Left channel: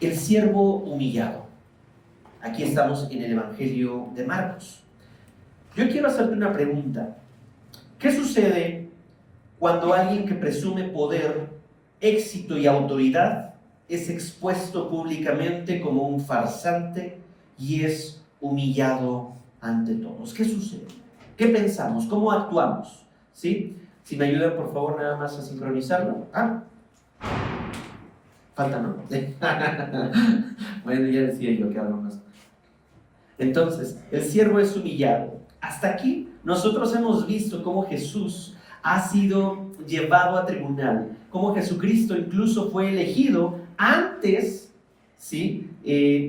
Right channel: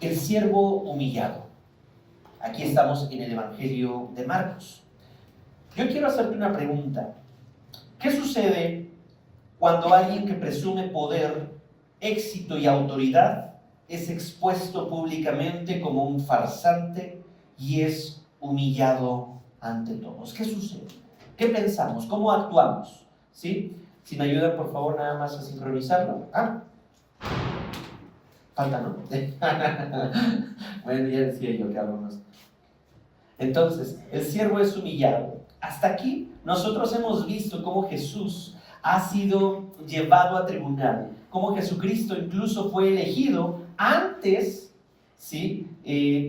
El siervo humillado. Aquí estamos en el Evangelio de Marcos. Yo quiero hacerte una pregunta. ¿Qué sucede cuando alguien que presume poder, éxito y autoridad es expuesto públicamente como un farsante y es humillado ante todos? ¿Qué sucede? ¿Qué pensamos? ¿Cómo actuamos? ¿Sí? Si me ayudan, por favor, nada más a sincronizarlo. Falta, ¿no? Bueno, ya decía yo que hablo más. Entonces, el siervo es humillado. Hasta aquí nosotros hemos visto cómo Jesús ha sido llevado a tribunal, cómo Jesucristo incluso fue elegido antes, ¿sí?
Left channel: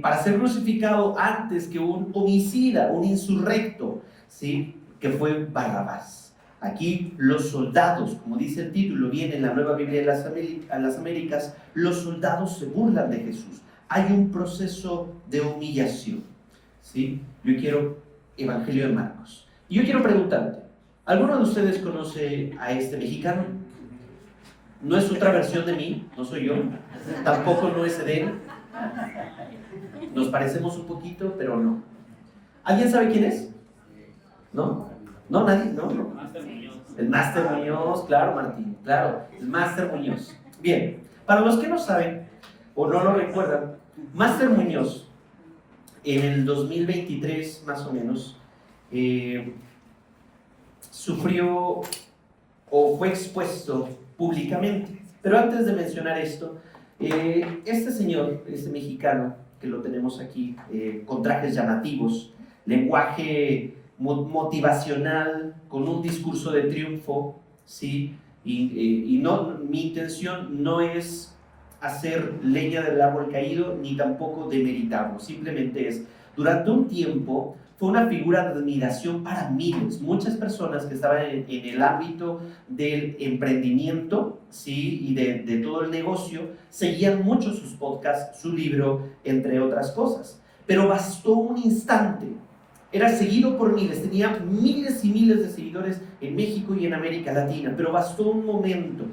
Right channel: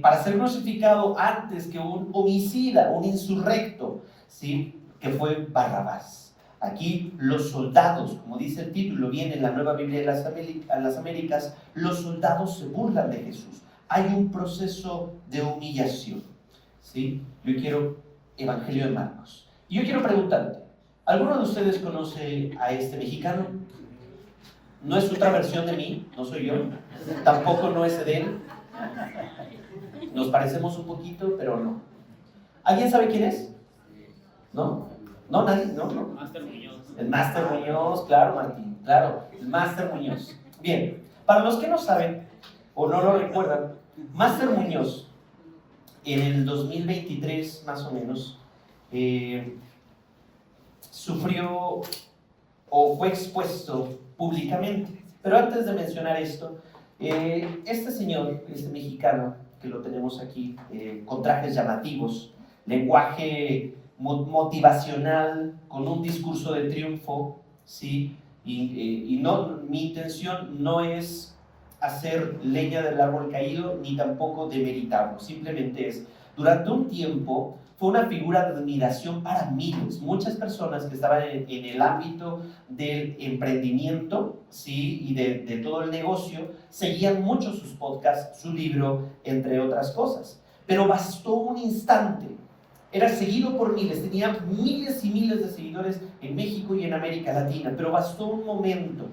Para ser crucificado antes que un homicida, un insurrecto, ¿sí? Que fue Barrabás. Aquí los soldados, como dice el título, viene en la Nueva Biblia de las Américas, los soldados se burlan de Jesús. Hay un proceso de humillación. ¿Sí? Yo quiero Evangelio de Marcos. Y yo quiero preguntarte, ¿alguno de ustedes conoce a este mexicano? No es otra versión de mí, no soy yo, tampoco no es de él. Nos parecemos un poquito, pero no. ¿Alguien sabe quién es? ¿No? ¿No? ¿Nadie? ¿No? ¿No? El Máster Muñoz, claro, Martín, claro, el Máster Muñoz. Bien, para los que no saben o no lo recuerdan, Máster Muñoz en el 2023 más o menos sufrió o fue expuesto públicamente. Pero antes de mencionar esto, este señor, este mexicano que lo tenemos aquí, con trajes llamativos, lenguaje motivacional, con un discurso de triunfo, ¿sí? Y no, mi intención no es hacer leña del árbol caído, ni tampoco demeritarlo, simplemente es, durante un tiempo, fue una figura de admiración para miles, muchas personas que estaban en el ámbito del emprendimiento, ¿sí? Y de todo el negocio, seguían mucho sus podcasts, su libro, entre otras cosas. Pero bastó un instante, era seguido por miles, tenía miles y miles de seguidores en México y en América Latina, pero bastó un momento,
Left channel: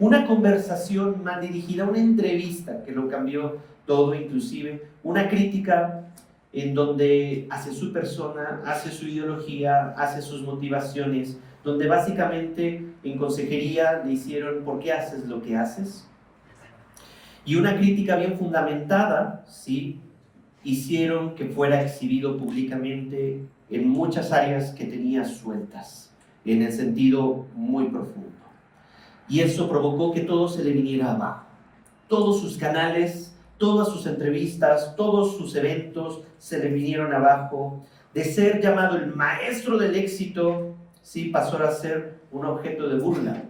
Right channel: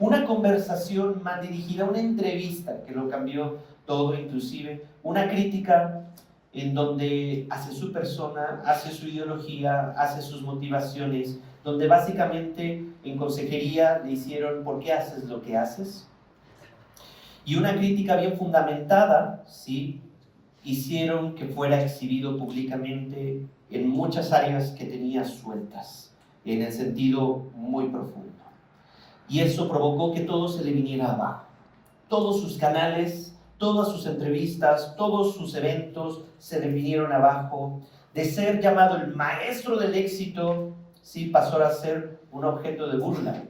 una conversación mal dirigida, una entrevista que lo cambió todo, inclusive una crítica en donde hace su persona, hace su ideología, hace sus motivaciones, donde básicamente en consejería le hicieron ¿por qué haces lo que haces? Y una crítica bien fundamentada, ¿sí? Hicieron que fuera exhibido públicamente en muchas áreas que tenía sueltas, en el sentido muy profundo. Y eso provocó que todo se le viniera abajo. Todos sus canales, todas sus entrevistas, todos sus eventos se le vinieron abajo. De ser llamado el maestro del éxito, sí, pasó a ser un objeto de burla.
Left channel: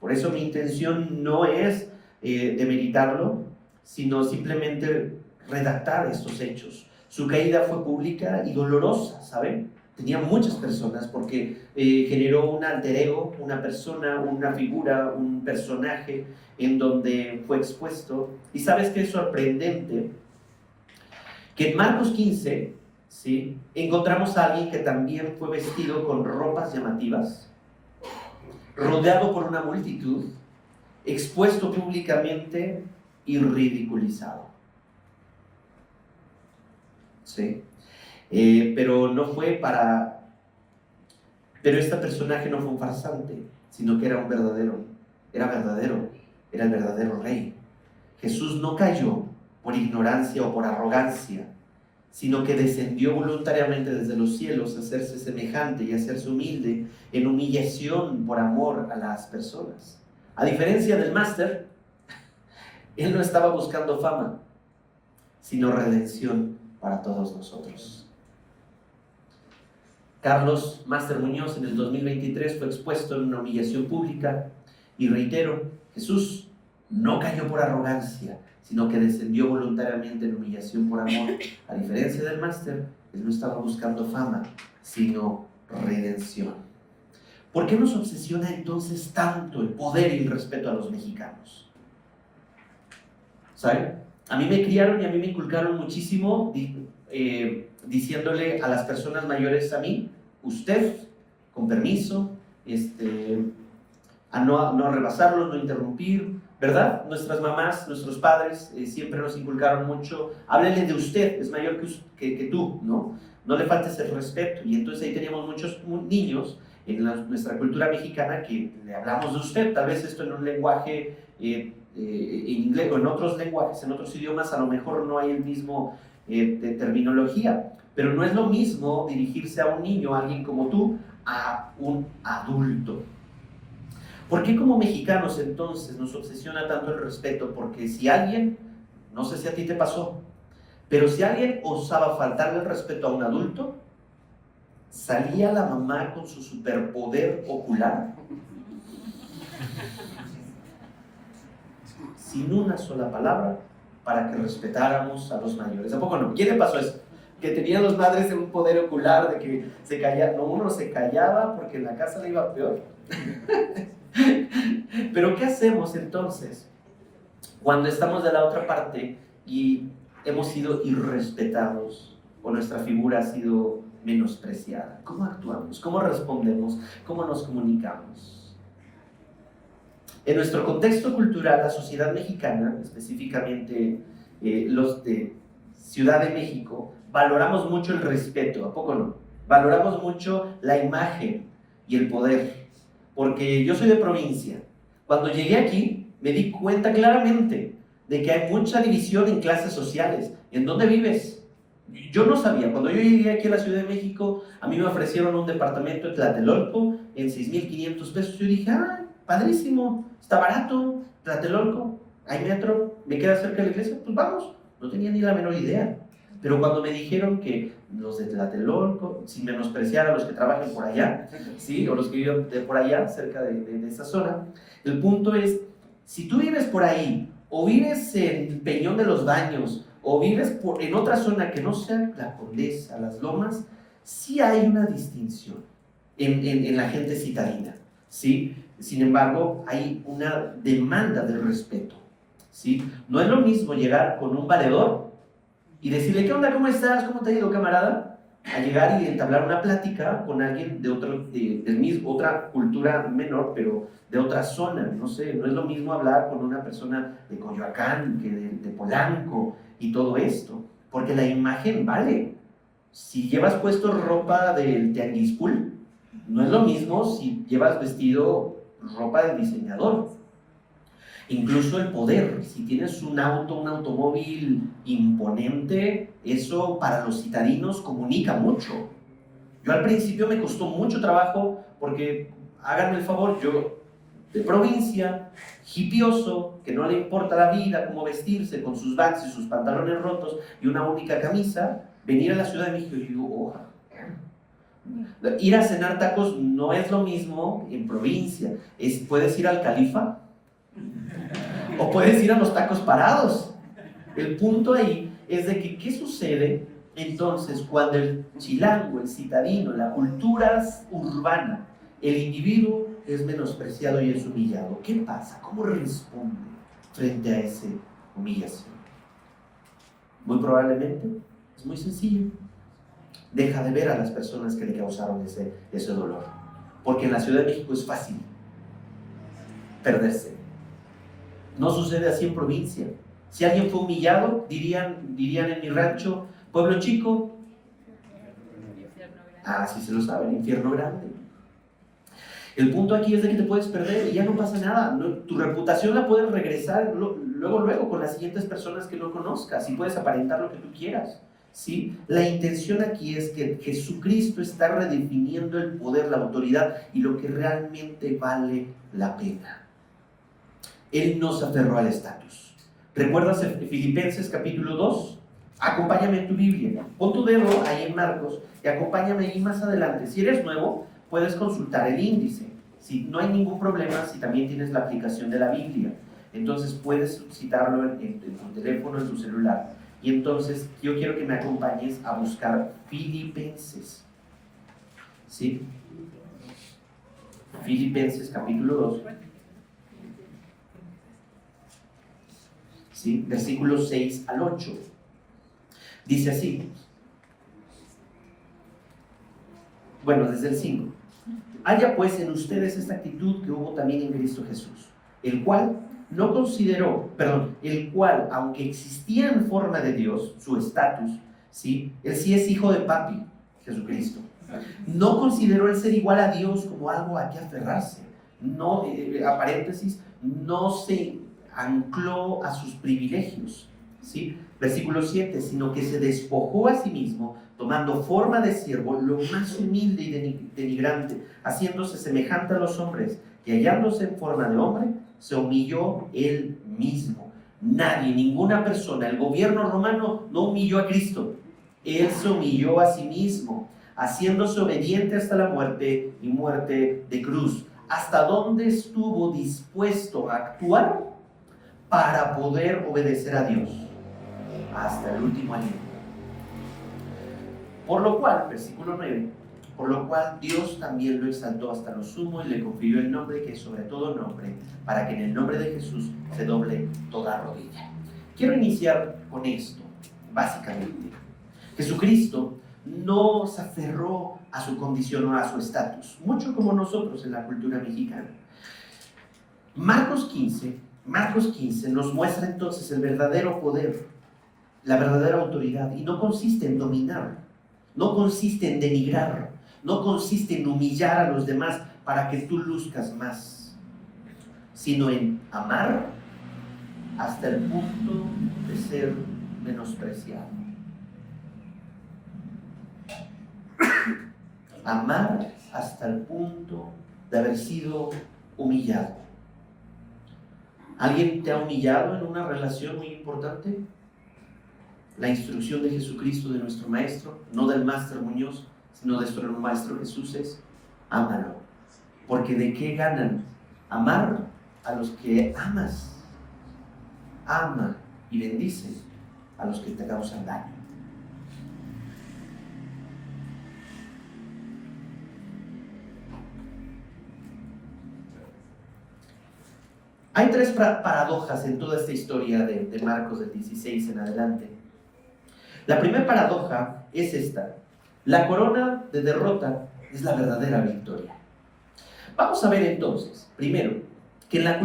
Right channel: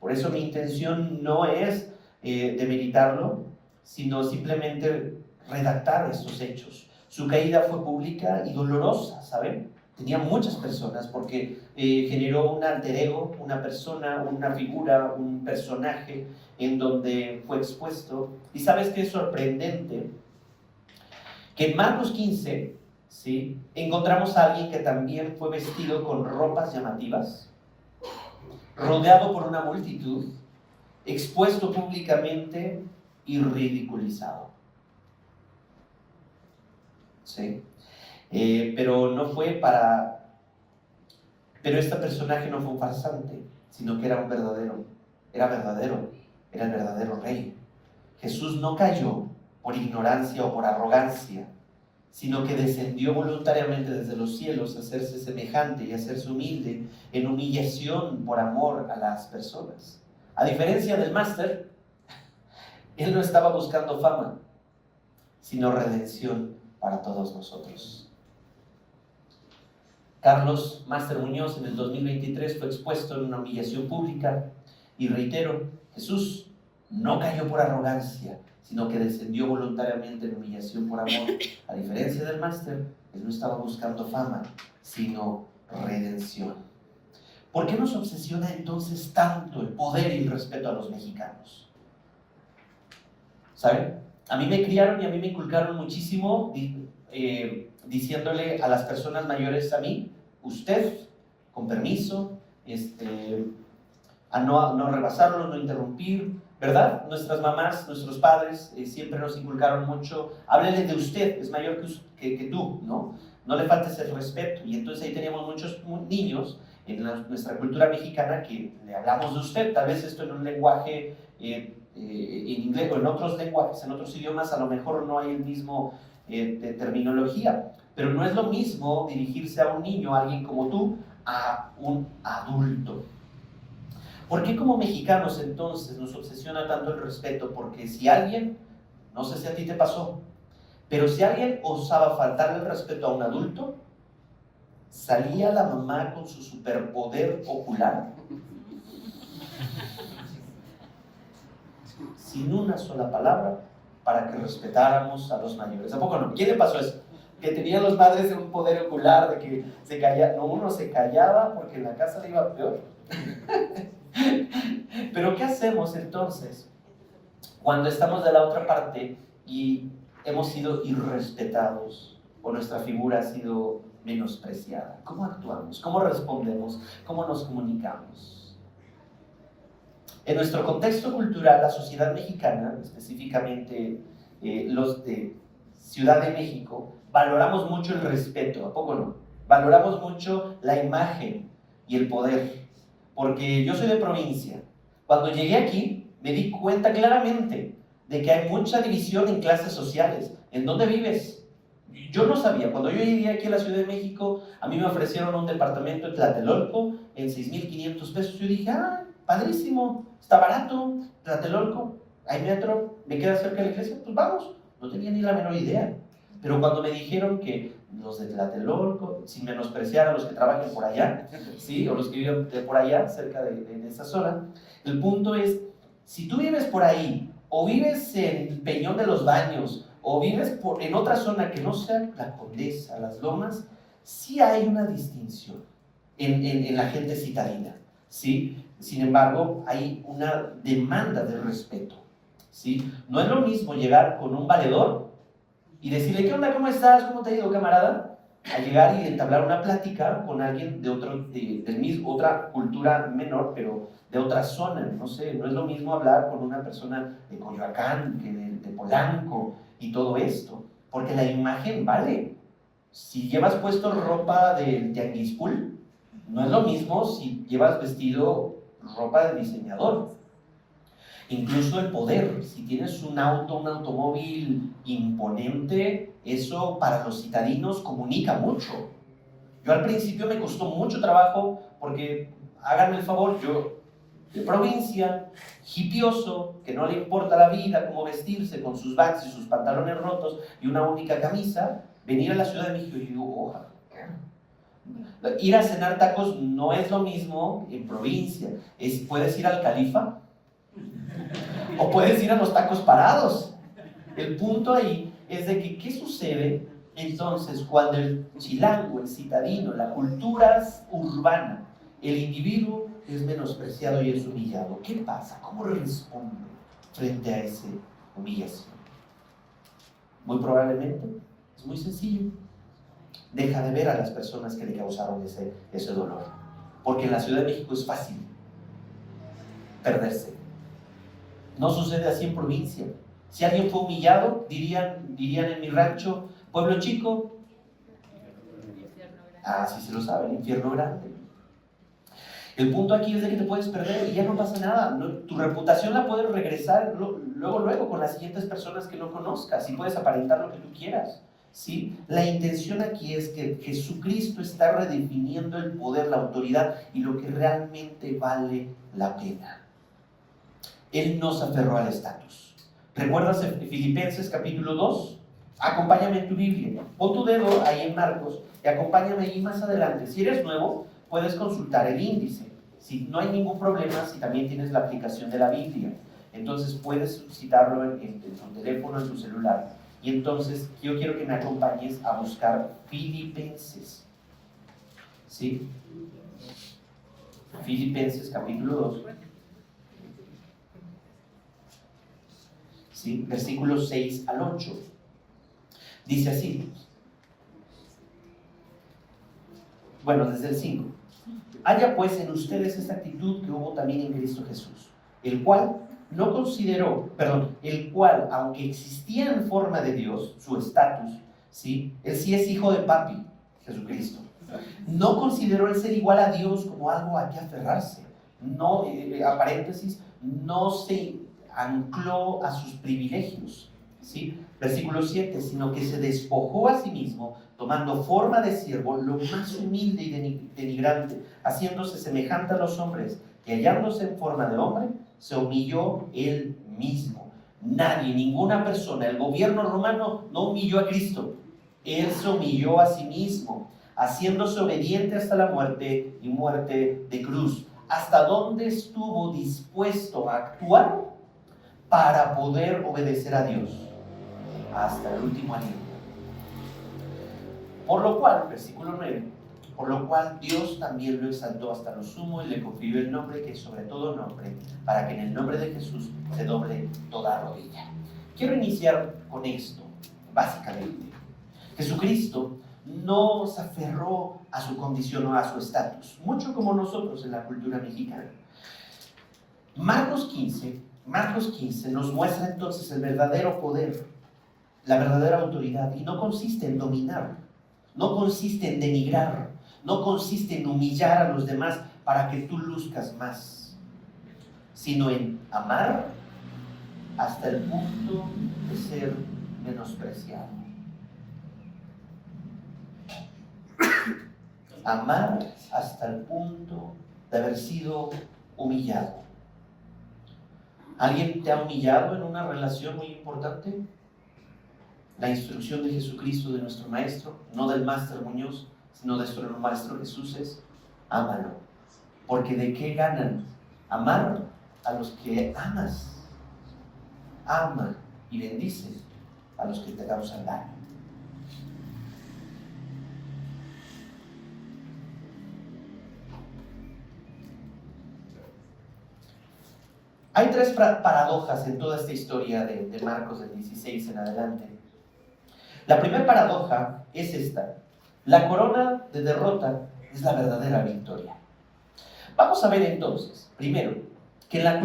Por eso mi intención no es demeritarlo, sino simplemente redactar estos hechos. Su caída fue pública y dolorosa, ¿saben? Tenía muchas personas porque generó un alter ego, una persona, una figura, un personaje en donde fue expuesto. Y sabes qué es sorprendente, que en Marcos 15, ¿sí? Encontramos a alguien que también fue vestido con ropas llamativas, rodeado por una multitud, expuesto públicamente y ridiculizado. ¿Sí? Pero no fue para... Pero este personaje no fue un farsante, sino que era un verdadero, era el verdadero rey. Jesús no cayó por ignorancia o por arrogancia, sino que descendió voluntariamente desde los cielos a hacerse semejante y a hacerse humilde en humillación por amor a las personas. A diferencia del máster, él no estaba buscando fama, sino redención para todos nosotros. Carlos Máster Muñoz en el 2023 fue expuesto en una humillación pública y reitero, Jesús no cayó por arrogancia, sino que descendió voluntariamente en humillación por amor. A diferencia del máster, él no estaba buscando fama, sino redención. ¿Por qué nos obsesiona entonces tanto el poder y el respeto a los mexicanos? ¿Saben? A mí me criaron y a mí me inculcaron muchísimo diciéndole a las personas mayores a mí, usted, con permiso, a no rebasarlos, no interrumpir, ¿verdad? Nuestras mamás, nuestros padres siempre nos inculcaron mucho, háblele de usted, es mayor que tú, ¿no? No le faltes el respeto. Y entonces ahí teníamos muchos niños en nuestra cultura mexicana que le hablamos de usted, tal vez esto en un lenguaje en inglés o en otros lenguajes, en otros idiomas, a lo mejor no hay el mismo de terminología, pero no es lo mismo dirigirse a un niño, a alguien como tú, a un adulto. ¿Por qué como mexicanos entonces nos obsesiona tanto el respeto? Porque si alguien, no sé si a ti te pasó, pero si alguien osaba faltarle el respeto a un adulto, salía la mamá con su superpoder ocular sin una sola palabra para que respetáramos a los mayores. ¿A poco no? ¿Quién le pasó eso? Que tenían los padres un poder ocular de que se callaba, no, uno se callaba porque en la casa le iba peor. Pero ¿qué hacemos entonces cuando estamos de la otra parte y hemos sido irrespetados o nuestra figura ha sido menospreciada? ¿Cómo actuamos? ¿Cómo respondemos? ¿Cómo nos comunicamos? En nuestro contexto cultural, la sociedad mexicana, específicamente los de Ciudad de México, valoramos mucho el respeto, ¿a poco no? Valoramos mucho la imagen y el poder, porque yo soy de provincia. Cuando llegué aquí, me di cuenta claramente de que hay mucha división en clases sociales. ¿En dónde vives? Yo no sabía. Cuando yo llegué aquí a la Ciudad de México, a mí me ofrecieron un departamento en Tlatelolco en 6,500 pesos. Yo dije, ah, padrísimo, está barato, Tlatelolco, hay metro, me queda cerca de la iglesia, pues vamos. No tenía ni la menor idea. Pero cuando me dijeron que los de Tlatelolco, sin menospreciar a los que trabajan por allá, ¿sí? O los que viven por allá, cerca de esa zona, el punto es, si tú vives por ahí, o vives en Peñón de los Baños, o vives en otra zona que no sea la Condesa, las Lomas, sí hay una distinción en la gente citadina, ¿sí? Sin embargo, hay una demanda de respeto, ¿sí? No es lo mismo llegar con un valedor y decirle, ¿qué onda? ¿Cómo estás? ¿Cómo te ha ido, camarada? A llegar y entablar una plática con alguien de del mismo, otra cultura menor, pero de otra zona, no sé, no es lo mismo hablar con una persona de Coyoacán que de Polanco y todo esto, porque la imagen vale. Si llevas puesto ropa del tianguispul, no es lo mismo si llevas vestido ropa del diseñador. Incluso el poder, si tienes un auto, un automóvil imponente, eso para los citadinos comunica mucho. Yo al principio me costó mucho trabajo porque, háganme el favor, yo de provincia, hipioso, que no le importa la vida, cómo vestirse, con sus vans y sus pantalones rotos y una única camisa, venir a la Ciudad de México y digo, oh, ir a cenar tacos no es lo mismo en provincia. Puedes ir al Califa o puedes ir a los tacos parados. El punto ahí es de que, ¿qué sucede entonces cuando el chilango, el citadino, la cultura urbana, el individuo es menospreciado y es humillado? ¿Qué pasa? ¿Cómo responde frente a esa humillación? Muy probablemente es muy sencillo. Deja de ver a las personas que le causaron ese dolor. Porque en la Ciudad de México es fácil perderse. No sucede así en provincia. Si alguien fue humillado, dirían en mi rancho, pueblo chico, sí se lo sabe, el infierno grande. El punto aquí es de que te puedes perder y ya no pasa nada. Tu reputación la puedes regresar luego con las siguientes personas que no conozcas y puedes aparentar lo que tú quieras, ¿sí? La intención aquí es que Jesucristo está redefiniendo el poder, la autoridad y lo que realmente vale la pena. Él no se aferró al estatus. ¿Recuerdas en Filipenses capítulo 2? Acompáñame en tu Biblia. Pon tu dedo ahí en Marcos y acompáñame ahí más adelante. Si eres nuevo, puedes consultar el índice. Si no hay ningún problema, si también tienes la aplicación de la Biblia, entonces puedes citarlo en tu teléfono, en tu celular. Y entonces yo quiero que me acompañes a buscar Filipenses. ¿Sí? Filipenses capítulo 2. ¿Sí? Versículos 6 al 8. Dice así. Bueno, desde el 5. Haya pues en ustedes esta actitud que hubo también en Cristo Jesús, el cual no consideró, perdón, el cual, aunque existía en forma de Dios, su estatus, ¿sí? Él sí es hijo de papi, Jesucristo. No consideró el ser igual a Dios como algo a que aferrarse. No, a paréntesis, no se ancló a sus privilegios, ¿sí? Versículo 7, sino que se despojó a sí mismo, tomando forma de siervo, lo más humilde y denigrante, haciéndose semejante a los hombres, y hallándose en forma de hombre, se humilló él mismo. Nadie, ninguna persona, el gobierno romano no humilló a Cristo. Él se humilló a sí mismo, haciéndose obediente hasta la muerte y muerte de cruz. ¿Hasta dónde estuvo dispuesto a actuar para poder obedecer a Dios? Hasta el último aliento. Por lo cual, versículo 9, por lo cual Dios también lo exaltó hasta lo sumo y le confirió el nombre que es sobre todo nombre, para que en el nombre de Jesús se doble toda rodilla. Quiero iniciar con esto, básicamente. Jesucristo no se aferró a su condición o a su estatus, mucho como nosotros en la cultura mexicana. Marcos 15 nos muestra entonces el verdadero poder, la verdadera autoridad, y no consiste en dominar, no consiste en denigrar, no consiste en humillar a los demás para que tú luzcas más, sino en amar hasta el punto de ser menospreciado. Amar hasta el punto de haber sido humillado. ¿Alguien te ha humillado en una relación muy importante? La instrucción de Jesucristo, de nuestro Maestro, no del Máster Muñoz, sino de nuestro Maestro Jesús es: ámalo. Porque ¿de qué ganan? Amar a los que amas. Ama y bendice a los que te causan daño. Hay tres paradojas en toda esta historia de Marcos del 16 en adelante. La primera paradoja es esta: la corona de derrota es la verdadera victoria. Vamos a ver entonces, primero, que en la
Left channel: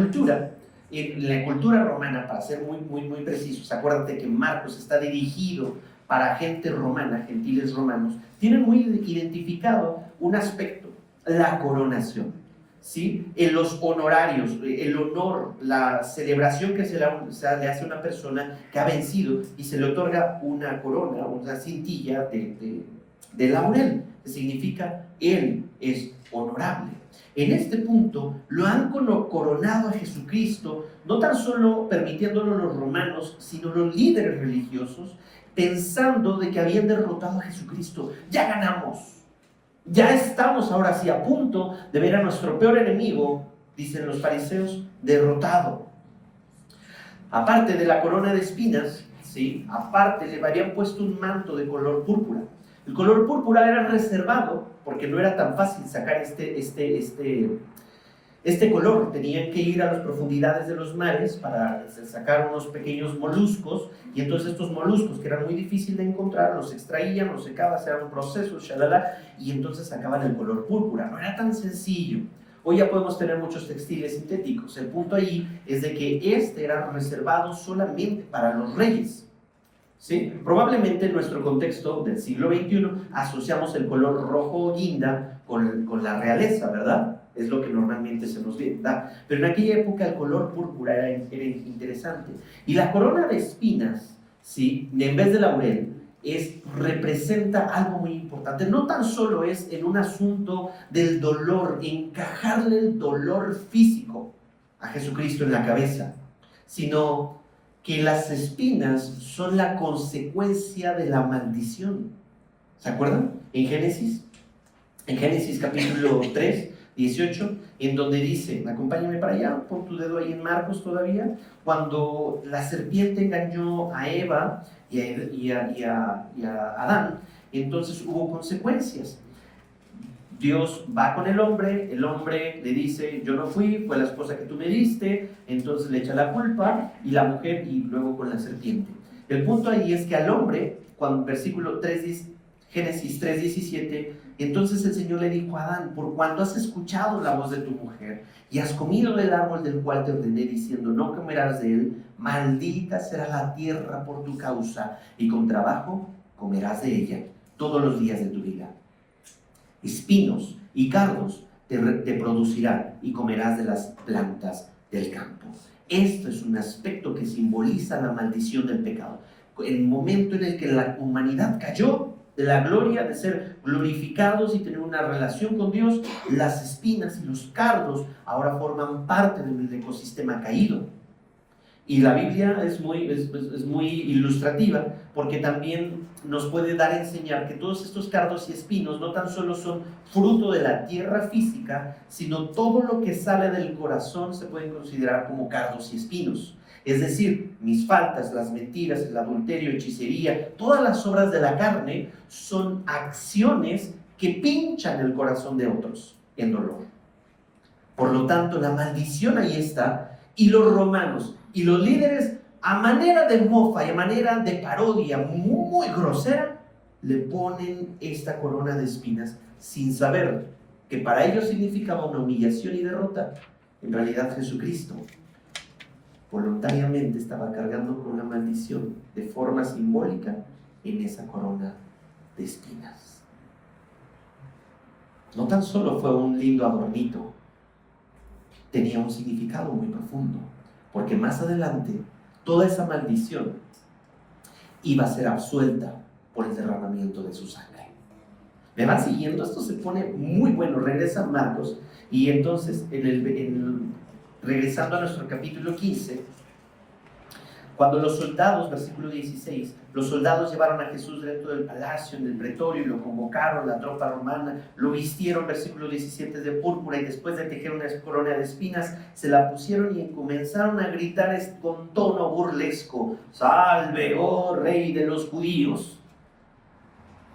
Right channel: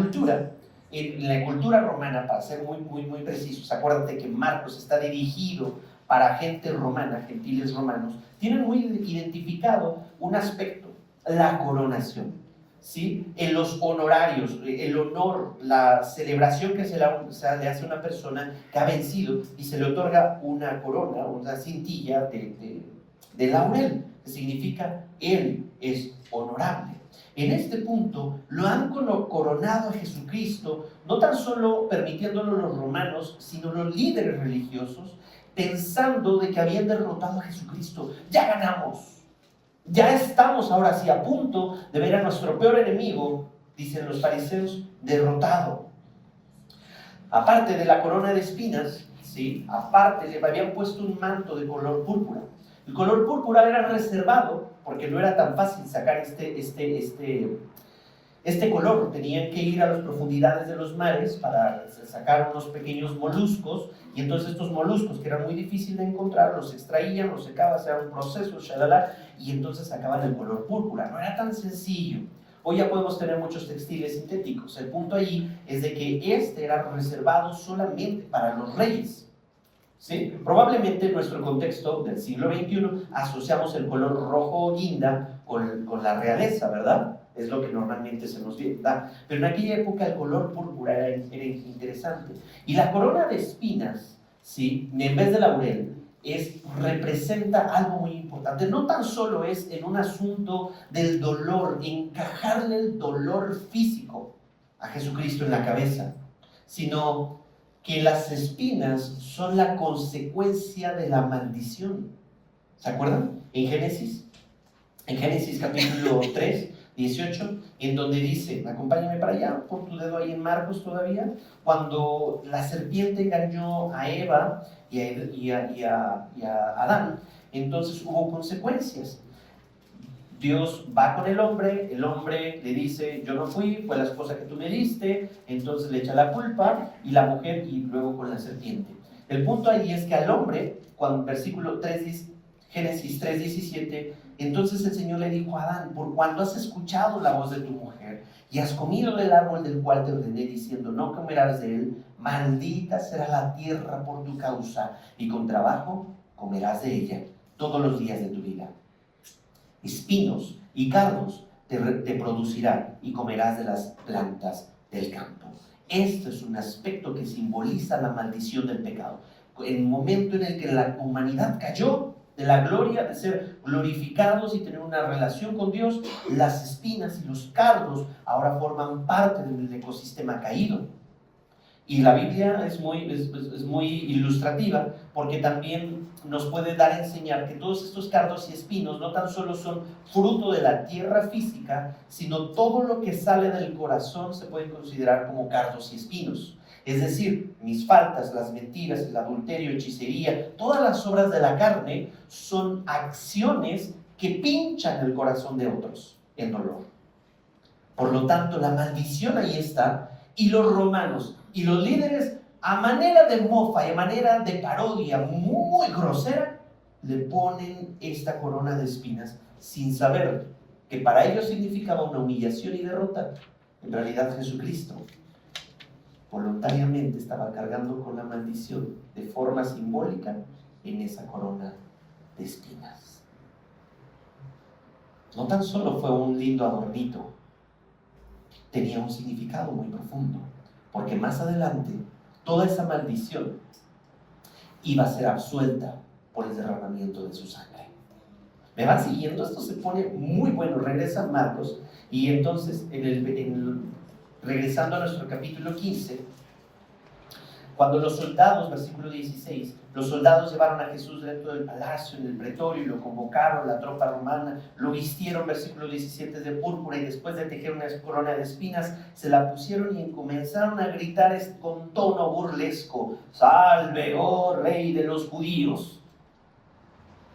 cultura romana, para ser muy precisos, acuérdate que Marcos está dirigido para gente romana, gentiles romanos, tienen muy identificado un aspecto: la coronación. ¿Sí? En los honorarios, el honor, la celebración que se le hace a una persona que ha vencido y se le otorga una corona, una cintilla de laurel, que significa él es honorable. En este punto lo han coronado a Jesucristo, no tan solo permitiéndolo los romanos, sino los líderes religiosos, pensando de que habían derrotado a Jesucristo. Ya ganamos. Ya estamos ahora sí a punto de ver a nuestro peor enemigo, dicen los fariseos, derrotado. Aparte de la corona de espinas, ¿sí? Aparte le habían puesto un manto de color púrpura. El color púrpura era reservado porque no era tan fácil sacar este color. Tenían que ir a las profundidades de los mares para sacar unos pequeños moluscos, y entonces estos moluscos, que eran muy difíciles de encontrar, los extraían, los secaban, hacían un proceso, shalala, y entonces sacaban el color púrpura. No era tan sencillo. Hoy ya podemos tener muchos textiles sintéticos. El punto ahí es de que este era reservado solamente para los reyes. ¿Sí? Probablemente en nuestro contexto del siglo XXI asociamos el color rojo guinda con la realeza, ¿verdad? Es lo que normalmente se nos da. Pero en aquella época el color púrpura era interesante. Y la corona de espinas, ¿sí? En vez de laurel, representa algo muy importante. No tan solo es en un asunto del dolor, encajarle el dolor físico a Jesucristo en la cabeza, sino que las espinas son la consecuencia de la maldición. ¿Se acuerdan? En Génesis capítulo 3, 18, en donde dice, acompáñame para allá, pon tu dedo ahí en Marcos todavía, cuando la serpiente engañó a Eva y a Adán, entonces hubo consecuencias. Dios va con el hombre le dice, yo no fui, fue la esposa que tú me diste, entonces le echa la culpa, y la mujer, y luego con la serpiente. El punto ahí es que al hombre, cuando versículo 3, Génesis 3:17, Entonces el Señor le dijo a Adán: por cuando has escuchado la voz de tu mujer y has comido del árbol del cual te ordené diciendo no comerás de él, maldita será la tierra por tu causa, y con trabajo comerás de ella todos los días de tu vida. Espinos y cardos te producirá y comerás de las plantas del campo. Esto es un aspecto que simboliza la maldición del pecado. En el momento en el que la humanidad cayó de la gloria de ser glorificados y tener una relación con Dios, las espinas y los cardos ahora forman parte del ecosistema caído. Y la Biblia es muy ilustrativa, porque también nos puede dar a enseñar que todos estos cardos y espinos no tan solo son fruto de la tierra física, sino todo lo que sale del corazón se puede considerar como cardos y espinos. Es decir, mis faltas, las mentiras, el adulterio, hechicería, todas las obras de la carne son acciones que pinchan el corazón de otros en dolor. Por lo tanto, la maldición ahí está, y los romanos y los líderes, a manera de mofa y a manera de parodia muy grosera, le ponen esta corona de espinas sin saber que para ellos significaba una humillación y derrota. En realidad Jesucristo voluntariamente estaba cargando con la maldición de forma simbólica en esa corona de espinas. No tan solo fue un lindo adornito, tenía un significado muy profundo, porque más adelante toda esa maldición iba a ser absuelta por el derramamiento de su sangre. ¿Me van siguiendo? Esto se pone muy bueno. Regresa Marcos, y entonces regresando a nuestro capítulo 15, cuando los soldados, versículo 16, los soldados llevaron a Jesús dentro del palacio, en el pretorio, y lo convocaron, la tropa romana, lo vistieron, versículo 17, de púrpura, y después de tejer una corona de espinas, se la pusieron y comenzaron a gritar con tono burlesco: ¡Salve, oh rey de los judíos!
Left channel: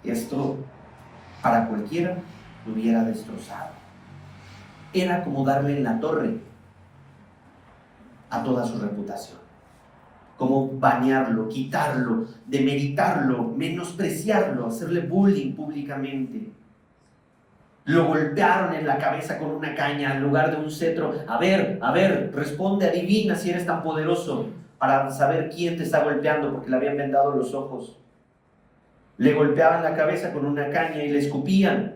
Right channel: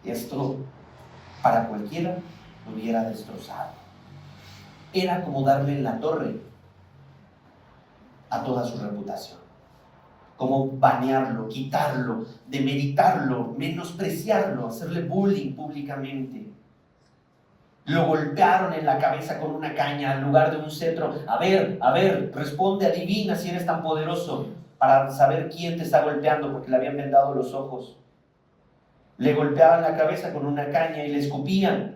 Esto, para cualquiera, lo hubiera destrozado. Era como darle en la torre a toda su reputación, como banearlo, quitarlo, demeritarlo, menospreciarlo, hacerle bullying públicamente. Lo golpearon en la cabeza con una caña en lugar de un cetro. A ver, responde, adivina si eres tan poderoso, para saber quién te está golpeando, porque le habían vendado los ojos. Le golpeaban la cabeza con una caña y le escupían.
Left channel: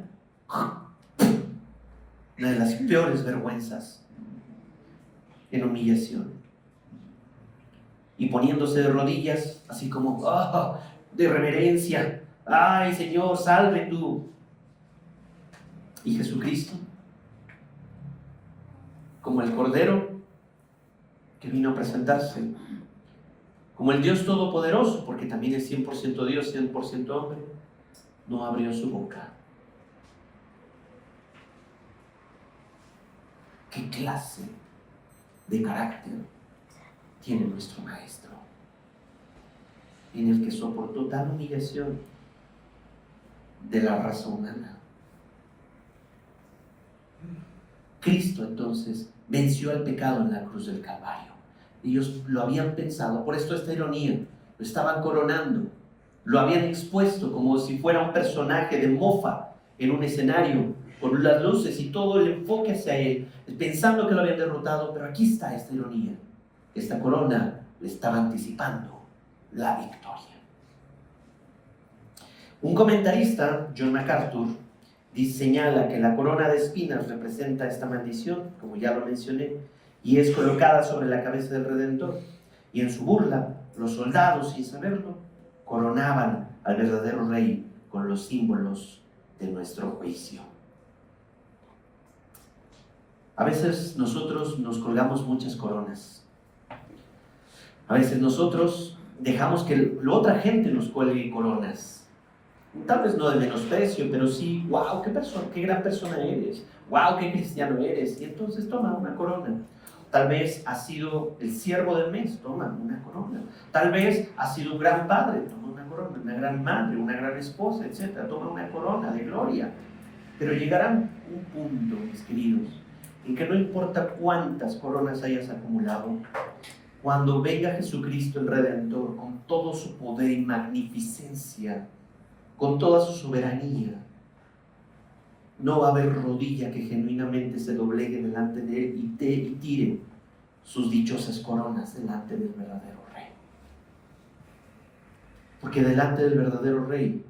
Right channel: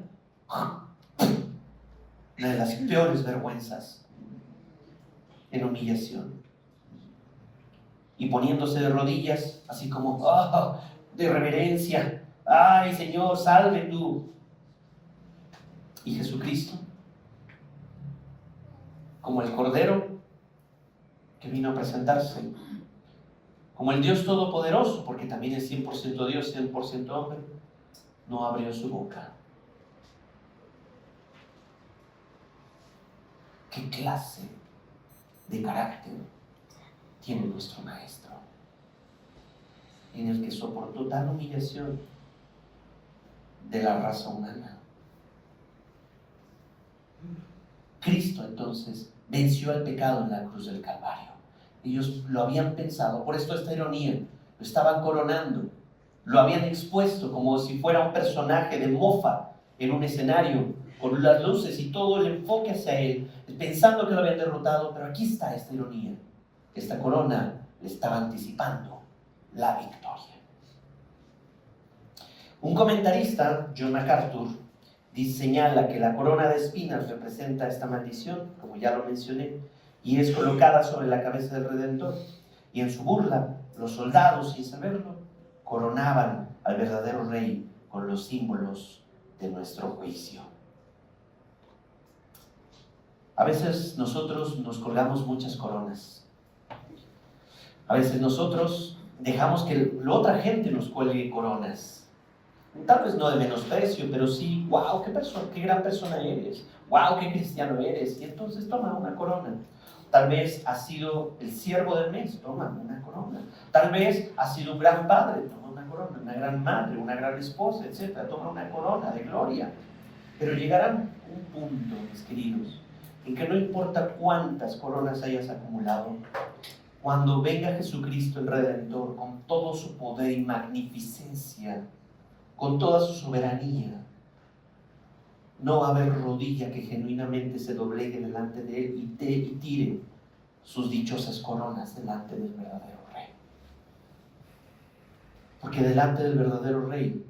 Una de las peores vergüenzas, en humillación. Y poniéndose de rodillas, así como de reverencia: ¡ay, Señor, salve tú! Y Jesucristo, como el Cordero que vino a presentarse, como el Dios Todopoderoso, porque también es 100% Dios, 100% hombre, no abrió su boca. ¿Qué clase de carácter tiene nuestro Maestro, en el que soportó tal humillación de la raza humana? Cristo entonces venció el pecado en la cruz del Calvario. Ellos lo habían pensado, por esto esta ironía, lo estaban coronando, lo habían expuesto como si fuera un personaje de mofa en un escenario, con las luces y todo el enfoque hacia él, pensando que lo habían derrotado. Pero aquí está esta ironía: esta corona le estaba anticipando la victoria. Un comentarista, John MacArthur, señala que la corona de espinas representa esta maldición, como ya lo mencioné, y es colocada sobre la cabeza del Redentor. Y en su burla, los soldados, sin saberlo, coronaban al verdadero rey con los símbolos de nuestro juicio. A veces nosotros nos colgamos muchas coronas. A veces nosotros dejamos que la otra gente nos cuelgue coronas. Tal vez no de menosprecio, pero sí: wow, qué gran persona eres, wow, qué cristiano eres. Y entonces toma una corona. Tal vez has sido el siervo del mes, toma una corona. Tal vez has sido un gran padre, toma una corona. Una gran madre, una gran esposa, etc. Toma una corona de gloria. Pero llegará un punto, mis queridos, en que no importa cuántas coronas hayas acumulado, cuando venga Jesucristo el Redentor con todo su poder y magnificencia, con toda su soberanía, no va a haber rodilla que genuinamente se doblegue delante de Él y tire sus dichosas coronas delante del verdadero Rey. Porque delante del verdadero Rey,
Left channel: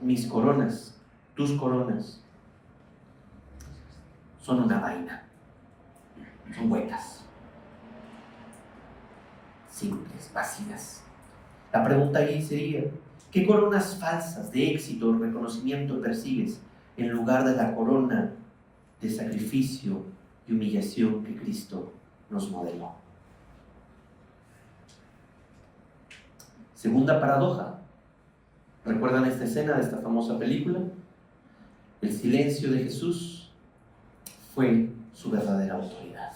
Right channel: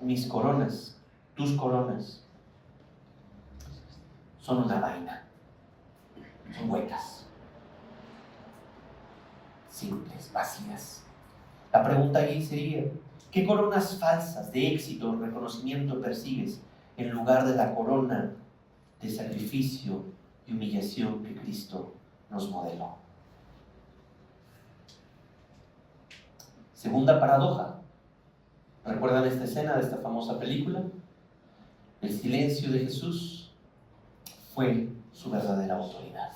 mis coronas, tus coronas, son una vaina, son huecas, simples, vacías. La pregunta ahí sería, ¿qué coronas falsas de éxito, reconocimiento percibes en lugar de la corona de sacrificio y humillación que Cristo nos modeló? Segunda paradoja. ¿Recuerdan esta escena de esta famosa película? El silencio de Jesús fue su verdadera autoridad.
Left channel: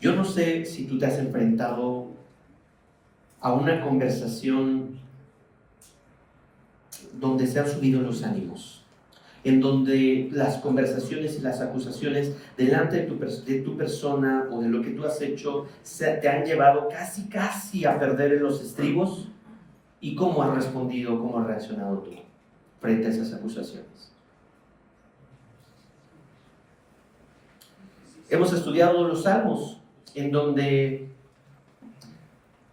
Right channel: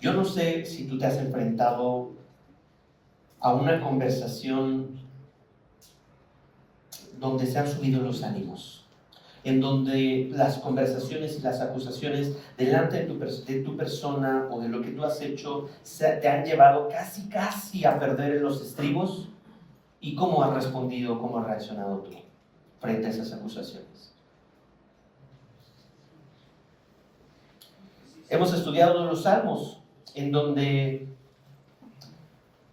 Yo no sé si tú te has enfrentado a una conversación donde se han subido los ánimos, en donde las conversaciones y las acusaciones delante de tu persona o de lo que tú has hecho te han llevado casi a perder en los estribos. ¿Y cómo has respondido, cómo has reaccionado tú frente a esas acusaciones? Hemos estudiado los Salmos, en donde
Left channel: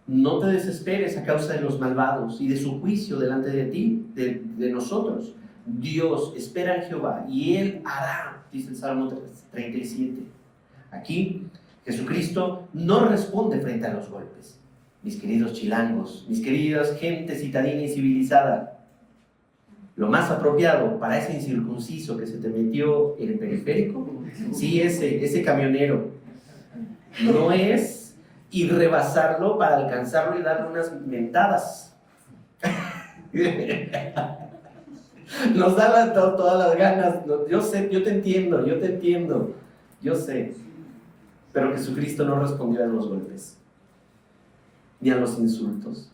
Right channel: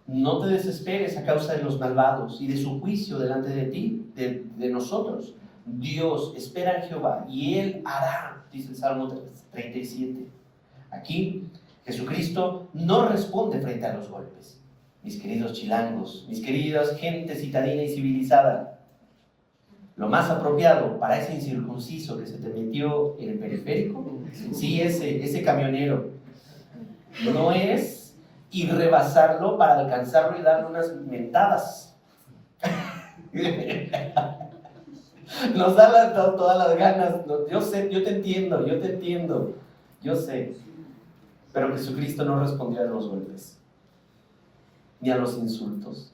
no te desesperes a causa de los malvados y de su juicio delante de ti, de nosotros. Dios espera en Jehová y Él hará, dice el Salmo 37. Aquí, Jesucristo no responde frente a los golpes. Mis queridos chilangos, mis queridas gente citadina y civilizada, lo más apropiado para ese incircunciso que se te metió en el periférico, sí, ese camionero, no es ir rebasarlo para alcanzarlo y darle unas mentadas. Nos dan todas las ganas. Yo sé, yo te entiendo, yo sé. Pero Jesucristo no respondió a los golpes ni a los insultos.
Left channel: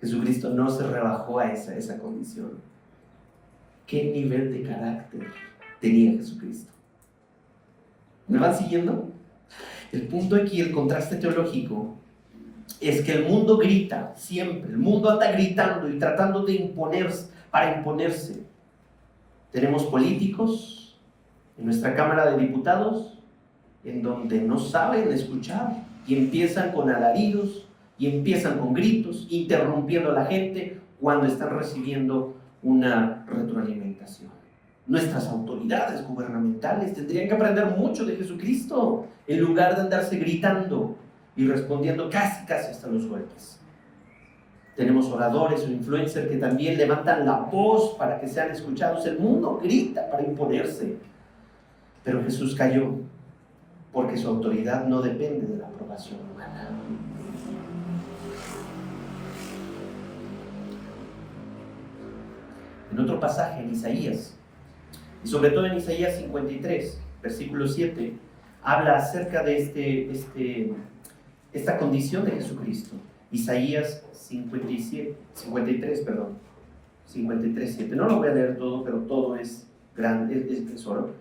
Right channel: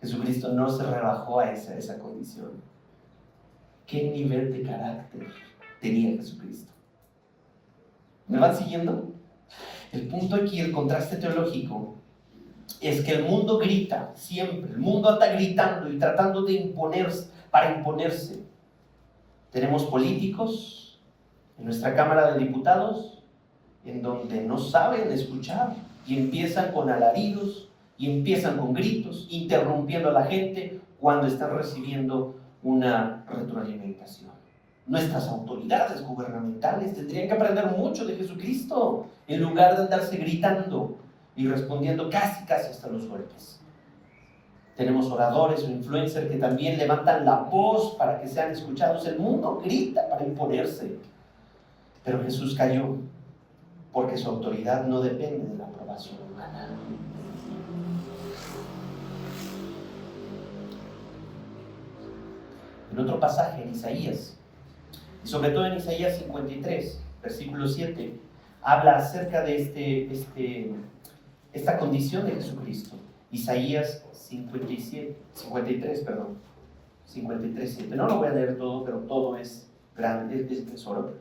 Jesucristo no se rebajó a esa condición. ¿Qué nivel de carácter tenía Jesucristo? ¿Me van siguiendo? El punto aquí, el contraste teológico, es que el mundo grita siempre, el mundo anda gritando y tratando de imponerse, para imponerse. Tenemos políticos en nuestra Cámara de Diputados en donde no saben escuchar y empiezan con alaridos y empiezan con gritos, interrumpiendo a la gente cuando están recibiendo una retroalimentación. Nuestras autoridades gubernamentales tendrían que aprender mucho de Jesucristo en lugar de andarse gritando y respondiendo casi hasta los golpes. Tenemos oradores o influencers que también levantan la voz para que sean escuchados. El mundo grita para imponerse, pero Jesús cayó porque su autoridad no depende de la aprobación humana. En otro pasaje, en Isaías, y sobre todo en Isaías 53, versículo 7, habla acerca de esta condición de Jesucristo. Isaías 53, 7. No lo voy a leer todo, pero todo es grande, es tesoro.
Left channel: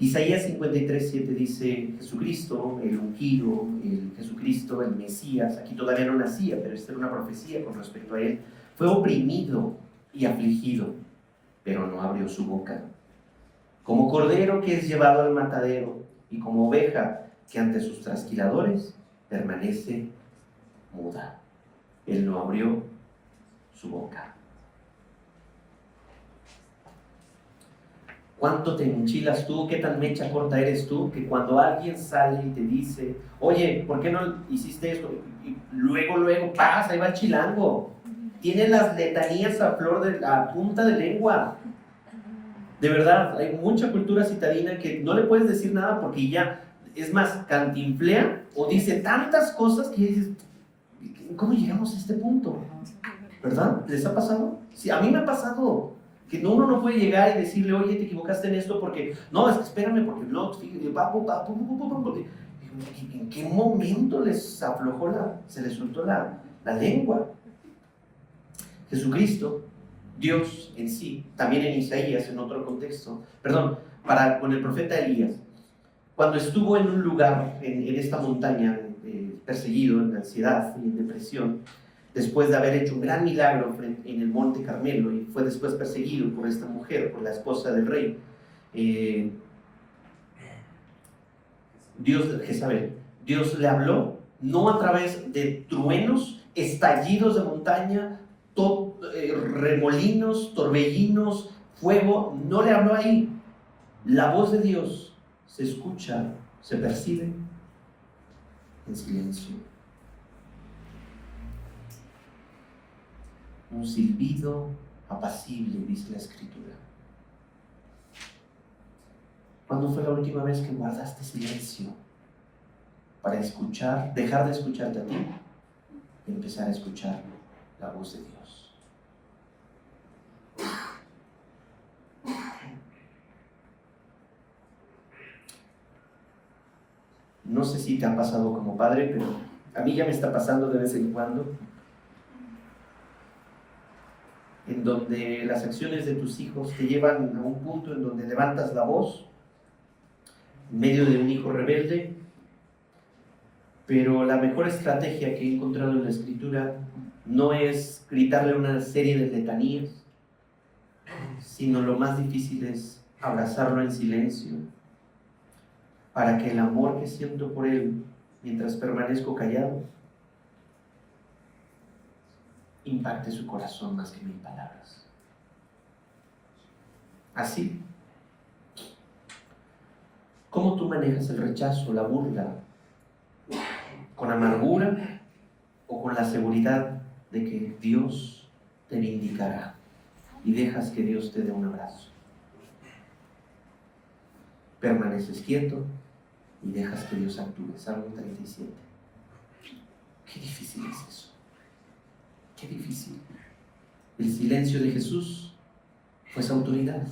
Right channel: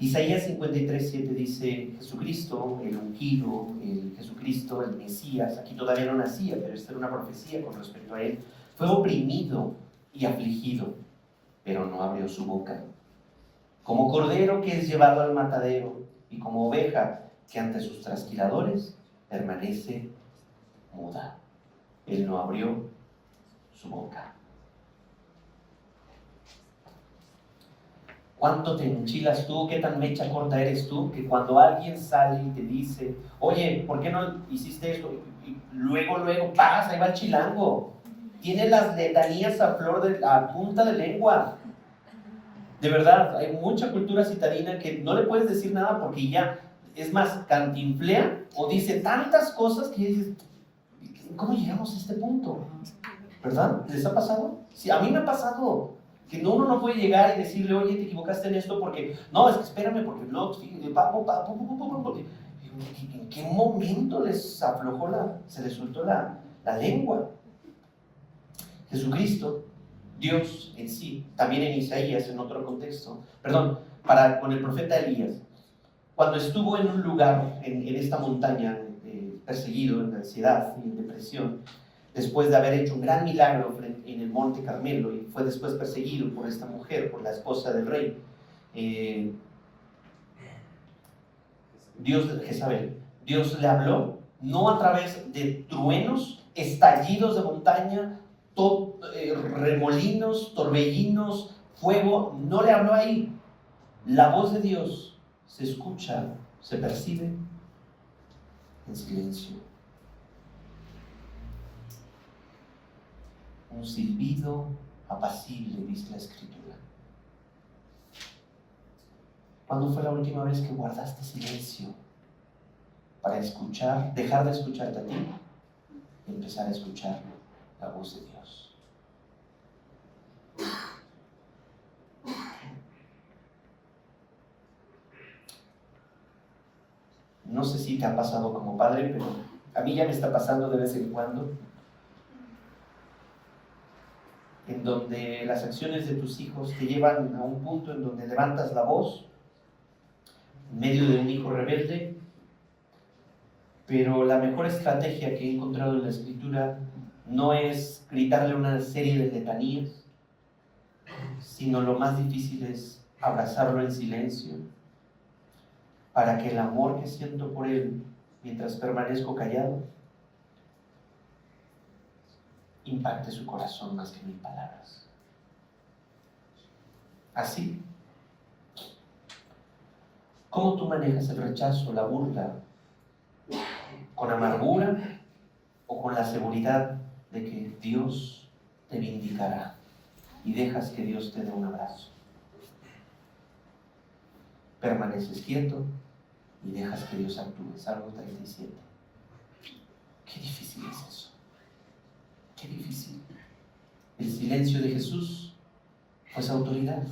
Isaías 53, 7 dice: Jesucristo, el ungido, Jesucristo, el Mesías, aquí todavía no nacía, pero esta era una profecía con respecto a él, fue oprimido y afligido, pero no abrió su boca. Como cordero que es llevado al matadero, y como oveja que ante sus trasquiladores permanece muda. Él no abrió su boca. ¿Cuánto te enchilas tú? ¿Qué tan mecha corta eres tú? Que cuando alguien sale y te dice: oye, ¿por qué no hiciste esto? Y luego pasa, ahí va el chilango. Tiene las letanías a punta de lengua. De verdad, hay mucha cultura citadina que no le puedes decir nada porque ya, es más, cantinflea o dice tantas cosas que dices: ¿cómo llegamos a este punto? ¿Verdad? ¿Les ha pasado? Sí, a mí me ha pasado. Que uno no puede llegar y decirle: oye, te equivocaste en esto porque... No, es que espérame, porque no, porque... ¿En qué momento les aflojó se les soltó la lengua? Jesucristo, Dios en sí, también en Isaías, en otro contexto, con el profeta Elías, cuando estuvo en un lugar, en esta montaña, perseguido, en ansiedad y en depresión, después de haber hecho un gran milagro en el Monte Carmelo, y fue después perseguido por esta mujer, por la esposa del rey, Jezabel. Dios le habló, no a través de truenos, estallidos de montaña, remolinos, torbellinos, fuego, no le habló ahí. La voz de Dios se escucha, se percibe en silencio. Un silbido apacible, dice la Escritura. ¿Cuándo fue la última vez que guardaste silencio para escuchar, dejar de escucharte a ti y empezar a escuchar la voz de Dios? No sé si te ha pasado como padre, pero a mí ya me está pasando de vez en cuando, en donde las acciones de tus hijos te llevan a un punto en donde levantas la voz en medio de un hijo rebelde, pero la mejor estrategia que he encontrado en la Escritura no es gritarle una serie de letanías, sino lo más difícil es abrazarlo en silencio, para que el amor que siento por él mientras permanezco callado impacte su corazón más que mil palabras. Así, ¿cómo tú manejas el rechazo, la burla? ¿Con amargura o con la seguridad de que Dios te vindicará y dejas que Dios te dé un abrazo? Permaneces quieto y dejas que Dios actúe. Salmo 37. Qué difícil es eso. Qué difícil. El silencio de Jesús fue esa autoridad.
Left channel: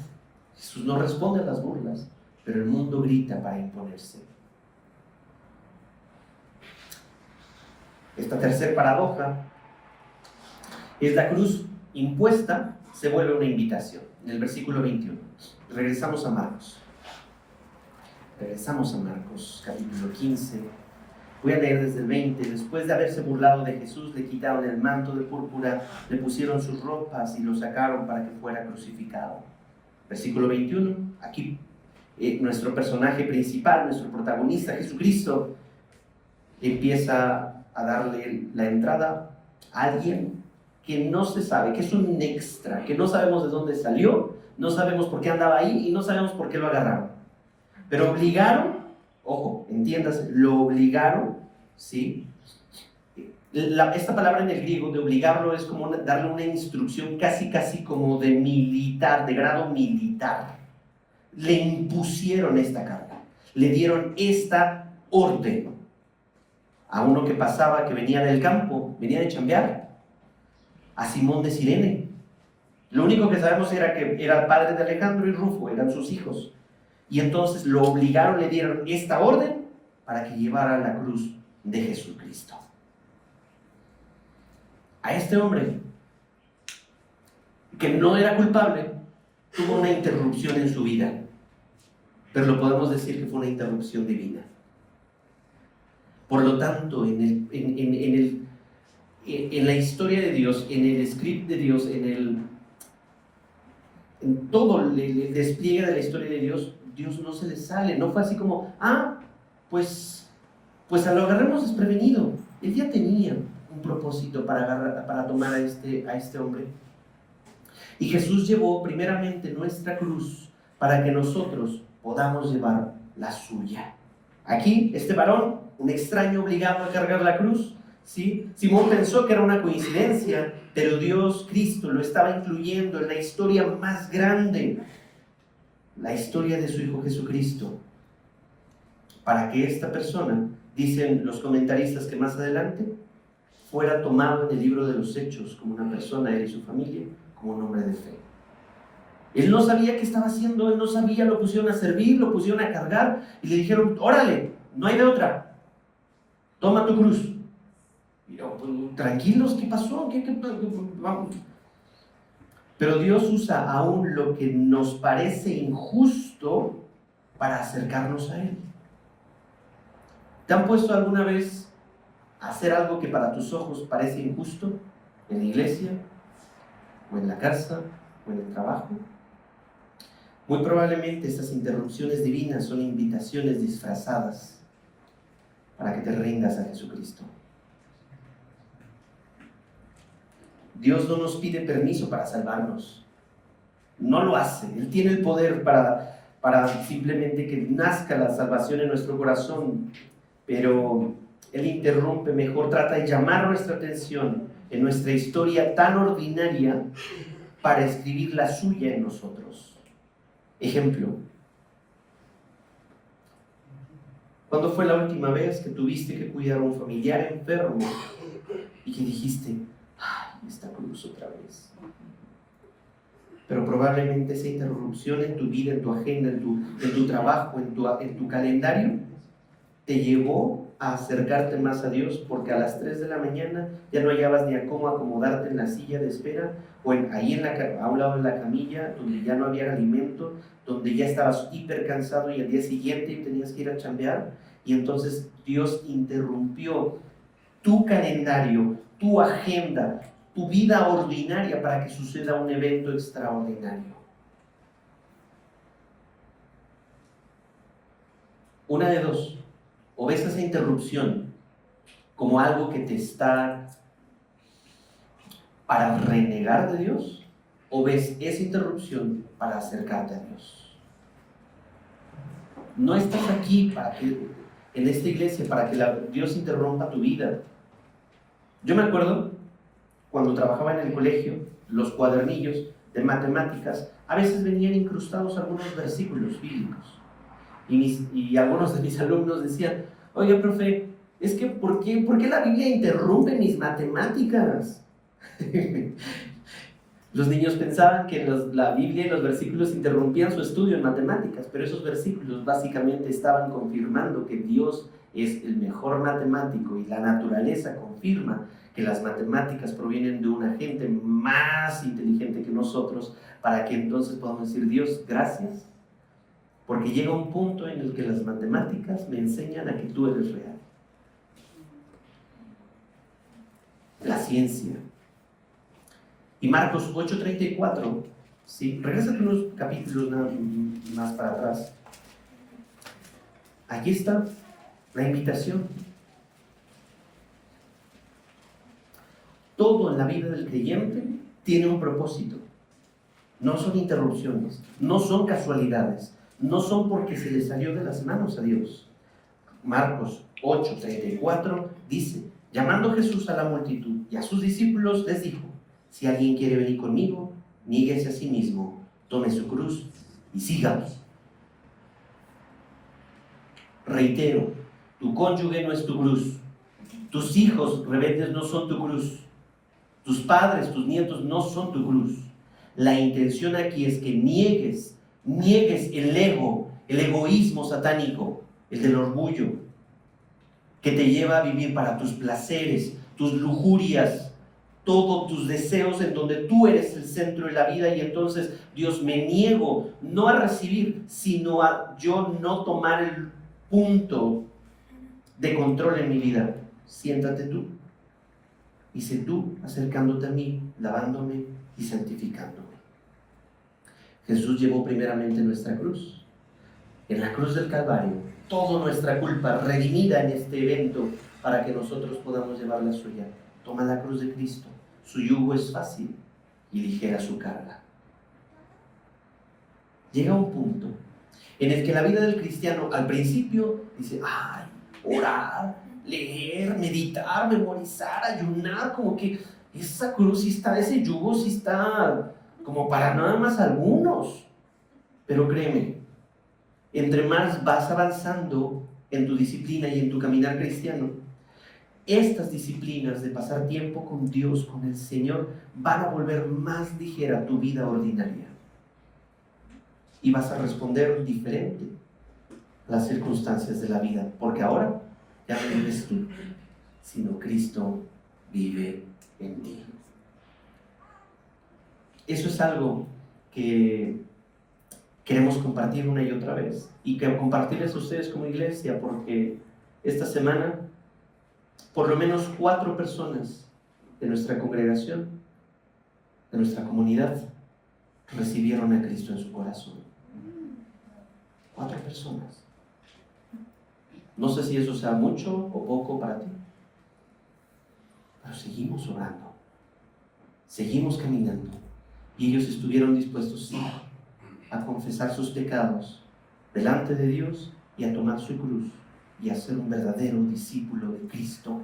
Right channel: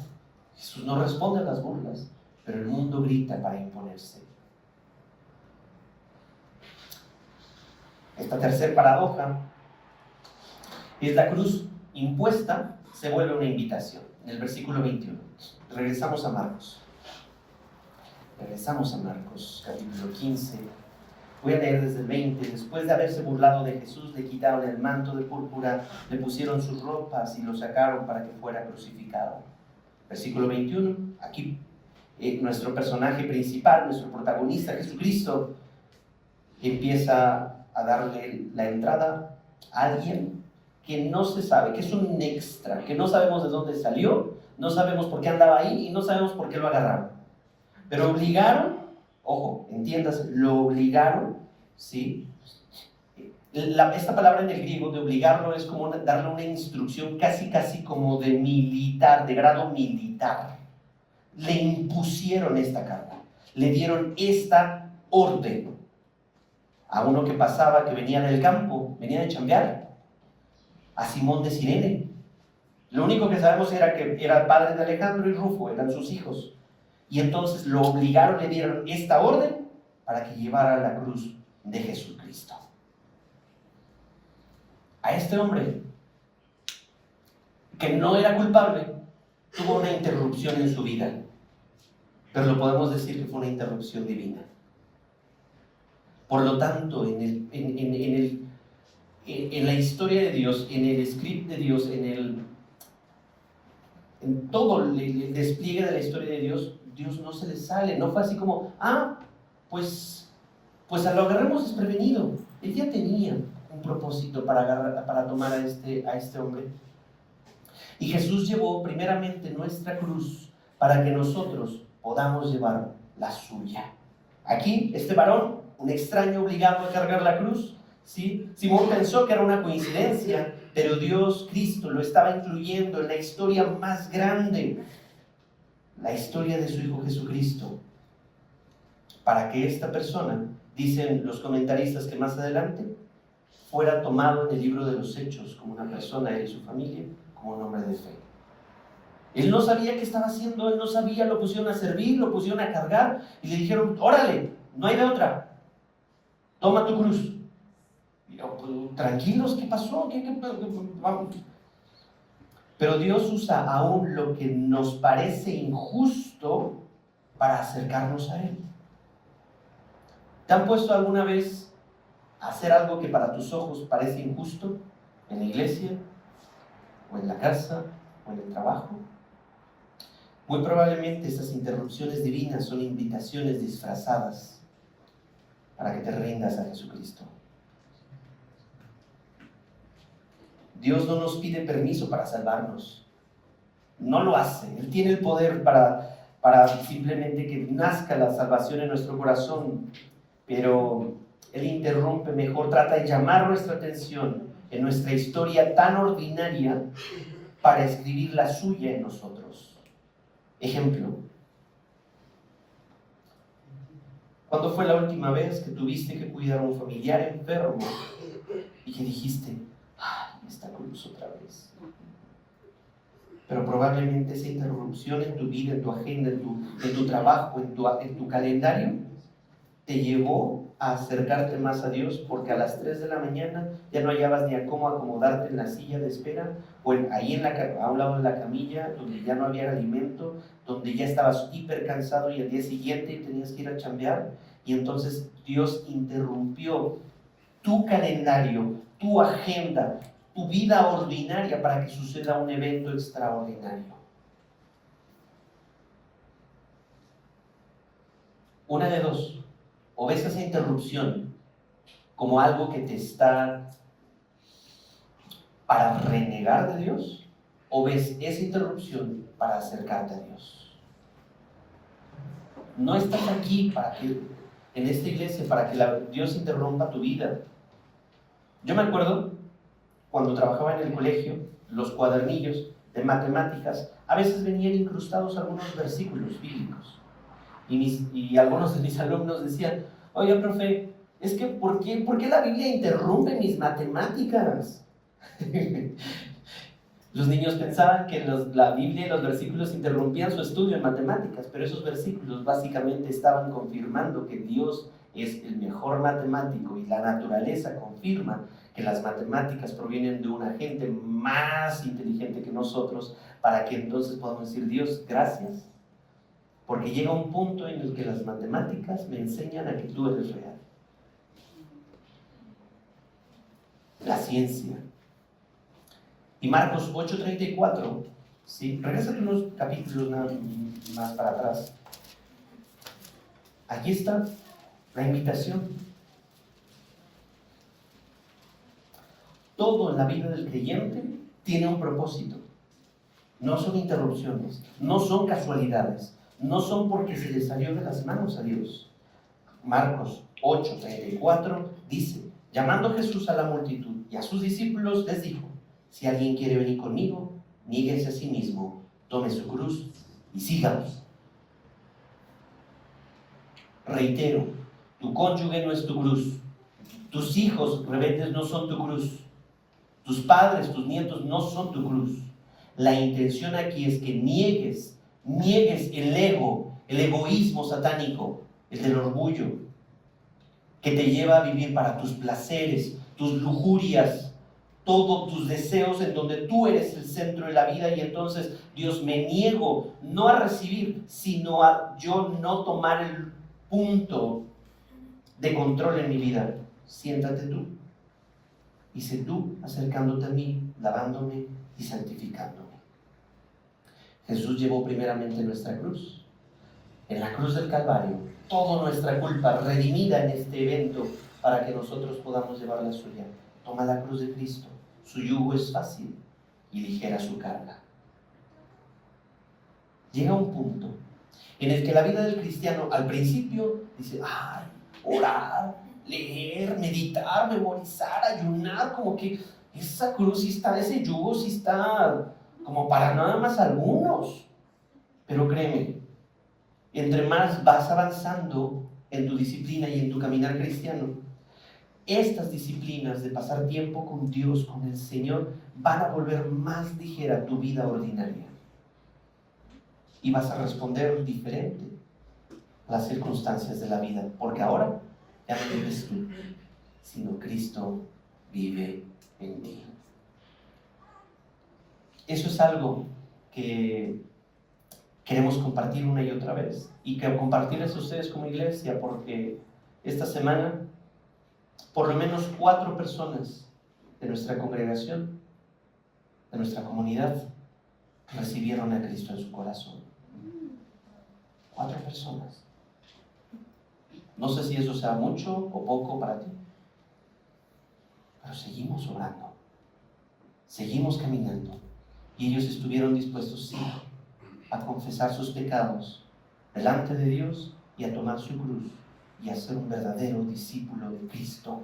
Jesús no responde a las burlas, pero el mundo grita para imponerse. Esta tercera paradoja es la cruz impuesta se vuelve una invitación. En el versículo 21. Regresamos a Marcos. Capítulo 15. Voy a leer desde el 20. Después de haberse burlado de Jesús, le quitaron el manto de púrpura, le pusieron sus ropas y lo sacaron para que fuera crucificado. Versículo 21. Aquí nuestro personaje principal, nuestro protagonista, Jesucristo, empieza a darle la entrada a alguien que no se sabe, que es un extra, que no sabemos de dónde salió, no sabemos por qué andaba ahí y no sabemos por qué lo agarraron. Pero obligaron, ojo, entiendas, lo obligaron, ¿sí? Esta palabra en el griego de obligarlo es como darle una instrucción casi como de militar, de grado militar. Le impusieron esta carga, le dieron esta orden a uno que pasaba, que venía del campo, venía de chambear, a Simón de Cirene. Lo único que sabemos era que era padre de Alejandro y Rufo, eran sus hijos. Y entonces lo obligaron, le dieron esta orden para que llevara la cruz de Jesucristo. A este hombre, que no era culpable, tuvo una interrupción en su vida, pero lo podemos decir que fue una interrupción divina. Por lo tanto, en la historia de Dios, en el script de Dios, en todo el despliegue de la historia de Dios, Dios no se le sale. No fue así como, pues lo agarremos desprevenido. Él ya tenía un propósito para tomar a este hombre. Y Jesús llevó primeramente nuestra cruz para que nosotros podamos llevar la suya. Aquí, este varón, un extraño obligado a cargar la cruz, ¿sí? Simón pensó que era una coincidencia, pero Dios, Cristo, lo estaba incluyendo en la historia más grande, la historia de su Hijo Jesucristo, para que esta persona, dicen los comentaristas que más adelante, fuera tomado en el libro de los Hechos como una persona, él y su familia, como un hombre de fe. Él no sabía qué estaba haciendo, él no sabía, lo pusieron a servir, lo pusieron a cargar y le dijeron, órale, no hay de otra, toma tu cruz. Y yo, tranquilos, ¿qué pasó? Vamos. Pero Dios usa aún lo que nos parece injusto para acercarnos a Él. ¿Te han puesto alguna vez a hacer algo que para tus ojos parece injusto? en la iglesia, o en la casa, o en el trabajo. Muy probablemente estas interrupciones divinas son invitaciones disfrazadas para que te rindas a Jesucristo. Dios no nos pide permiso para salvarnos. No lo hace. Él tiene el poder para simplemente que nazca la salvación en nuestro corazón, pero Él interrumpe, mejor trata de llamar nuestra atención en nuestra historia tan ordinaria para escribir la suya en nosotros. Ejemplo, ¿cuándo fue la última vez que tuviste que cuidar a un familiar enfermo y que dijiste, ay, esta cruz otra vez? Pero probablemente esa interrupción en tu vida, en tu agenda, en tu trabajo, en tu calendario, te llevó a acercarte más a Dios, porque a las 3 de la mañana ya no hallabas ni a cómo acomodarte en la silla de espera, o ahí a un lado de la camilla, donde ya no había alimento, donde ya estabas hiper cansado y al día siguiente tenías que ir a chambear, y entonces Dios interrumpió tu calendario, tu agenda, tu vida ordinaria para que suceda un evento extraordinario. Una de dos: o ves esa interrupción como algo que te está para renegar de Dios, o ves esa interrupción para acercarte a Dios. No estás aquí en esta iglesia para que Dios interrumpa tu vida. Yo me acuerdo cuando trabajaba en el colegio, los cuadernillos de matemáticas a veces venían incrustados algunos versículos bíblicos, y algunos de mis alumnos decían, oye, profe, es que ¿por qué la Biblia interrumpe mis matemáticas? Los niños pensaban que la Biblia y los versículos interrumpían su estudio en matemáticas, pero esos versículos básicamente estaban confirmando que Dios es el mejor matemático, y la naturaleza confirma que las matemáticas provienen de una gente más inteligente que nosotros, para que entonces podamos decir, Dios, gracias, porque llega un punto en el que las matemáticas me enseñan a que tú eres real. La ciencia. Y Marcos 8:34, ¿sí? Regrésate unos capítulos más para atrás. Aquí está la invitación. Todo en la vida del creyente tiene un propósito. No son interrupciones, no son casualidades, no son porque se le salió de las manos a Dios. Marcos 8:34 dice, llamando Jesús a la multitud y a sus discípulos les dijo, si alguien quiere venir conmigo, niéguese a sí mismo, tome su cruz y sígame. Reitero, tu cónyuge no es tu cruz, tus hijos rebeldes no son tu cruz, tus padres, tus nietos no son tu cruz. La intención aquí es que niegues el ego, el egoísmo satánico, el del orgullo, que te lleva a vivir para tus placeres, tus lujurias, todos tus deseos, en donde tú eres el centro de la vida. Y entonces, Dios, me niego no a recibir, sino a yo no tomar el punto de control en mi vida. Siéntate tú, y sé tú acercándote a mí, lavándome y santificándome. Jesús llevó primeramente nuestra cruz. En la cruz del Calvario, toda nuestra culpa redimida en este evento, para que nosotros podamos llevar la suya. Toma la cruz de Cristo. Su yugo es fácil y ligera su carga. Llega un punto en el que la vida del cristiano al principio dice, ay, orar, leer, meditar, memorizar, ayunar, como que esa cruz sí está, ese yugo sí está como para nada más algunos. Pero créeme, entre más vas avanzando en tu disciplina y en tu caminar cristiano, estas disciplinas de pasar tiempo con Dios, con el Señor, van a volver más ligera tu vida ordinaria. Y vas a responder diferente a las circunstancias de la vida, porque ahora ya no vives tú, sino Cristo vive en ti. Eso es algo que queremos compartir una y otra vez, y que compartirles a ustedes como iglesia, porque esta semana por lo menos 4 personas de nuestra congregación, de nuestra comunidad, recibieron a Cristo en su corazón. 4 personas. No sé si eso sea mucho o poco para ti, pero seguimos orando, seguimos caminando, y ellos estuvieron dispuestos, sí, a confesar sus pecados delante de Dios y a tomar su cruz y a ser un verdadero discípulo de Cristo.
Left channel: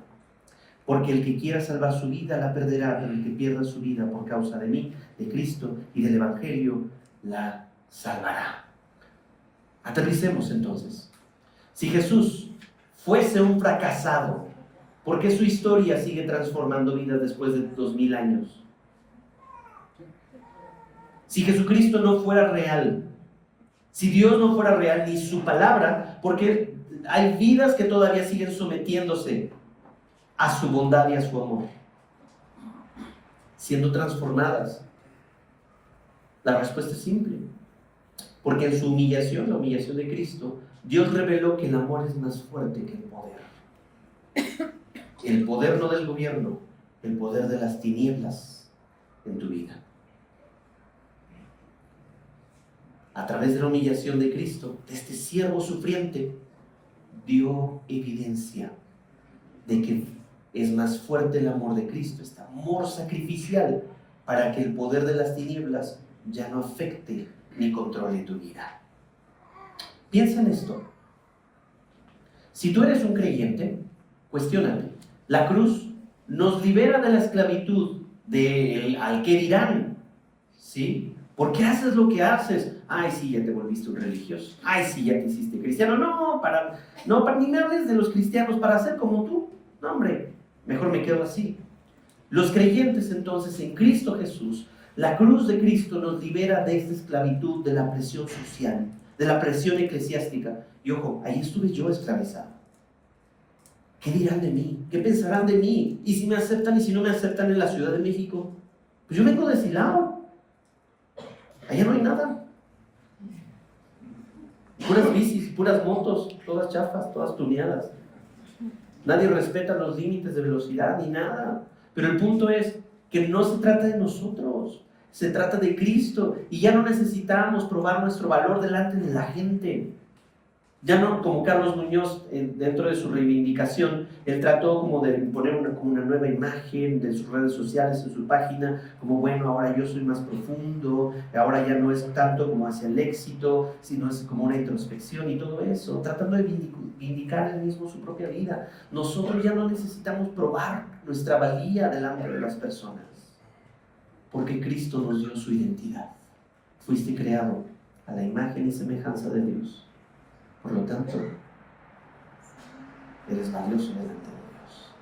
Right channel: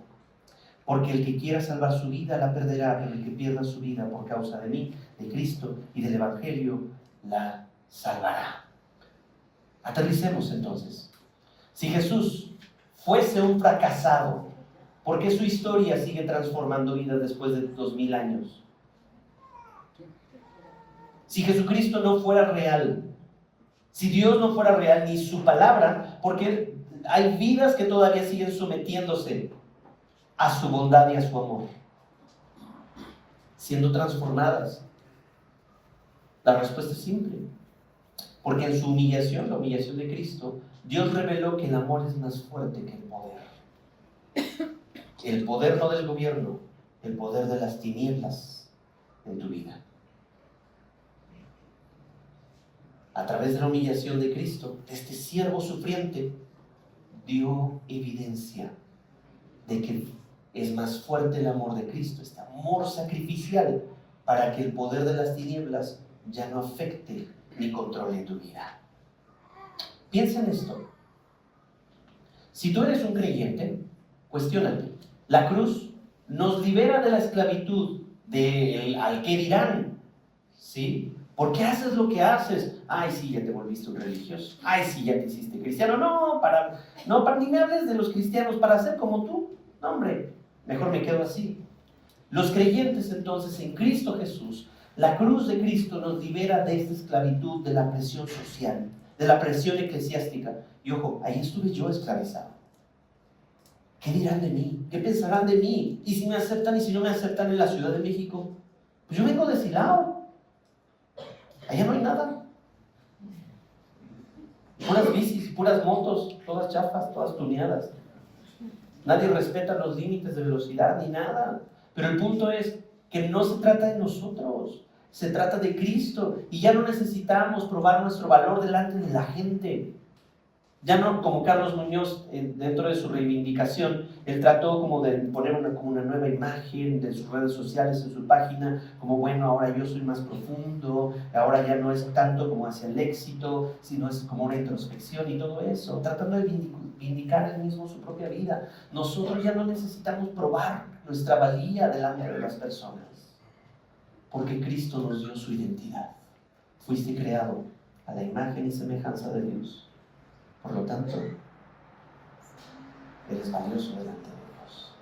Porque el que quiera salvar su vida la perderá, pero el que pierda su vida por causa de mí, de Cristo y del Evangelio, la salvará. Aterricemos entonces. Si Jesús fuese un fracasado, ¿por qué su historia sigue transformando vidas después de 2000 años? Si Jesucristo no fuera real, si Dios no fuera real ni su palabra, ¿por qué hay vidas que todavía siguen sometiéndose a su bondad y a su amor, siendo transformadas? La respuesta es simple. Porque en su humillación, la humillación de Cristo, Dios reveló que el amor es más fuerte que el poder. El poder no del gobierno, el poder de las tinieblas en tu vida. A través de la humillación de Cristo, de este siervo sufriente, dio evidencia de que es más fuerte el amor de Cristo, este amor sacrificial, para que el poder de las tinieblas ya no afecte ni controle tu vida. Piensa en esto. Si tú eres un creyente, cuestiónate. La cruz nos libera de la esclavitud del al que dirán, ¿sí? ¿Por qué haces lo que haces? Ay, sí, ya te volviste un religioso. Ay, sí, ya te hiciste cristiano. No, para ni me hables de los cristianos para ser como tú. No, hombre, mejor me quedo así. Los creyentes entonces en Cristo Jesús, la cruz de Cristo nos libera de esta esclavitud, de la presión social, de la presión eclesiástica. Y ojo, ahí estuve yo esclavizado. ¿Qué dirán de mí? ¿Qué pensarán de mí? ¿Y si me aceptan y si no me aceptan en la Ciudad de México? Pues yo vengo de Silao. Allá no hay nada. Puras bicis, puras motos, todas chafas, todas tuneadas. Nadie respeta los límites de velocidad ni nada. Pero el punto es que no se trata de nosotros, se trata de Cristo. Y ya no necesitamos probar nuestro valor delante de la gente. Ya no como Carlos Muñoz, dentro de su reivindicación, él trató como de poner como una nueva imagen de sus redes sociales, en su página, como bueno, ahora yo soy más profundo, ahora ya no es tanto como hacia el éxito, sino es como una introspección y todo eso, tratando de vindicar él mismo su propia vida. Nosotros ya no necesitamos probar nuestra valía delante de las personas, porque Cristo nos dio su identidad. Fuiste creado a la imagen y semejanza de Dios. Por lo tanto, eres valioso delante de Dios.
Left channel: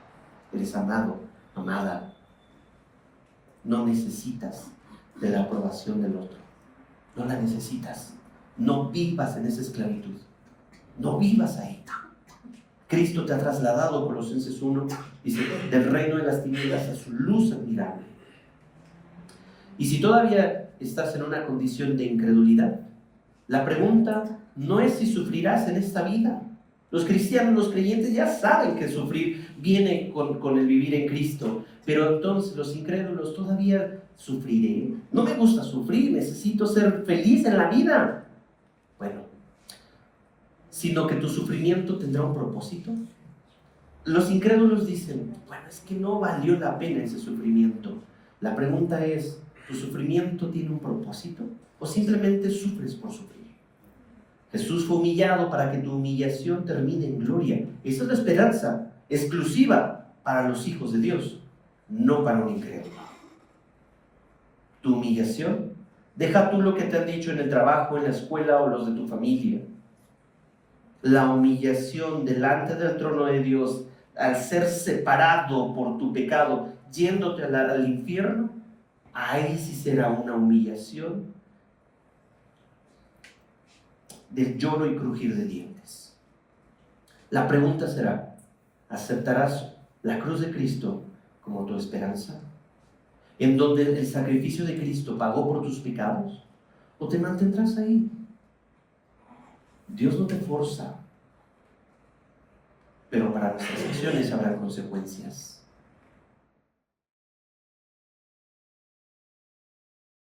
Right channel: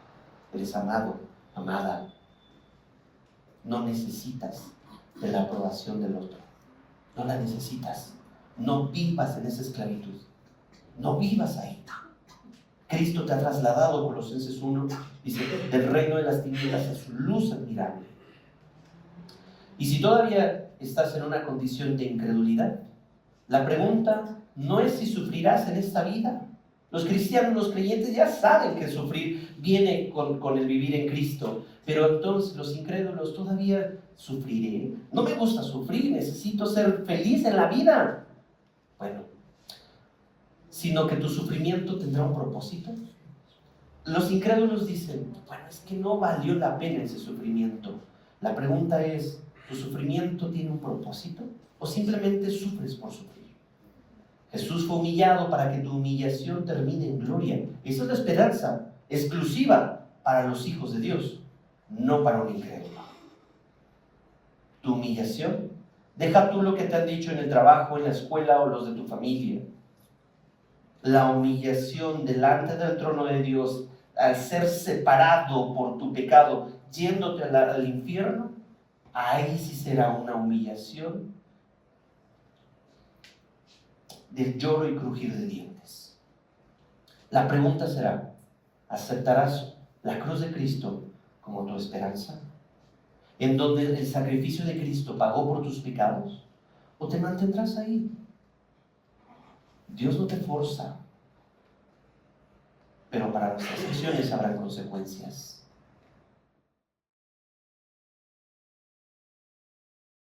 Eres amado, amada. No necesitas de la aprobación del otro. No la necesitas. No vivas en esa esclavitud. No vivas ahí. Cristo te ha trasladado, Colosenses 1, dice, del reino de las tinieblas a su luz admirable. Y si todavía estás en una condición de incredulidad, la pregunta no es si sufrirás en esta vida. Los cristianos, los creyentes ya saben que sufrir viene con el vivir en Cristo. Pero entonces los incrédulos todavía sufriré. No me gusta sufrir, necesito ser feliz en la vida. Bueno, sino que tu sufrimiento tendrá un propósito. Los incrédulos dicen, bueno, es que no valió la pena ese sufrimiento. La pregunta es, ¿tu sufrimiento tiene un propósito? ¿O simplemente sufres por sufrir? Jesús fue humillado para que tu humillación termine en gloria. Esa es la esperanza exclusiva para los hijos de Dios, no para un incrédulo. Tu humillación, deja tú lo que te han dicho en el trabajo, en la escuela o los de tu familia. La humillación delante del trono de Dios, al ser separado por tu pecado, yéndote al infierno, ahí sí será una humillación del lloro y crujir de dientes. La pregunta será, ¿aceptarás la cruz de Cristo como tu esperanza? ¿En donde el sacrificio de Cristo pagó por tus pecados? ¿O te mantendrás ahí? Dios no te forza, pero para nuestras acciones habrá consecuencias.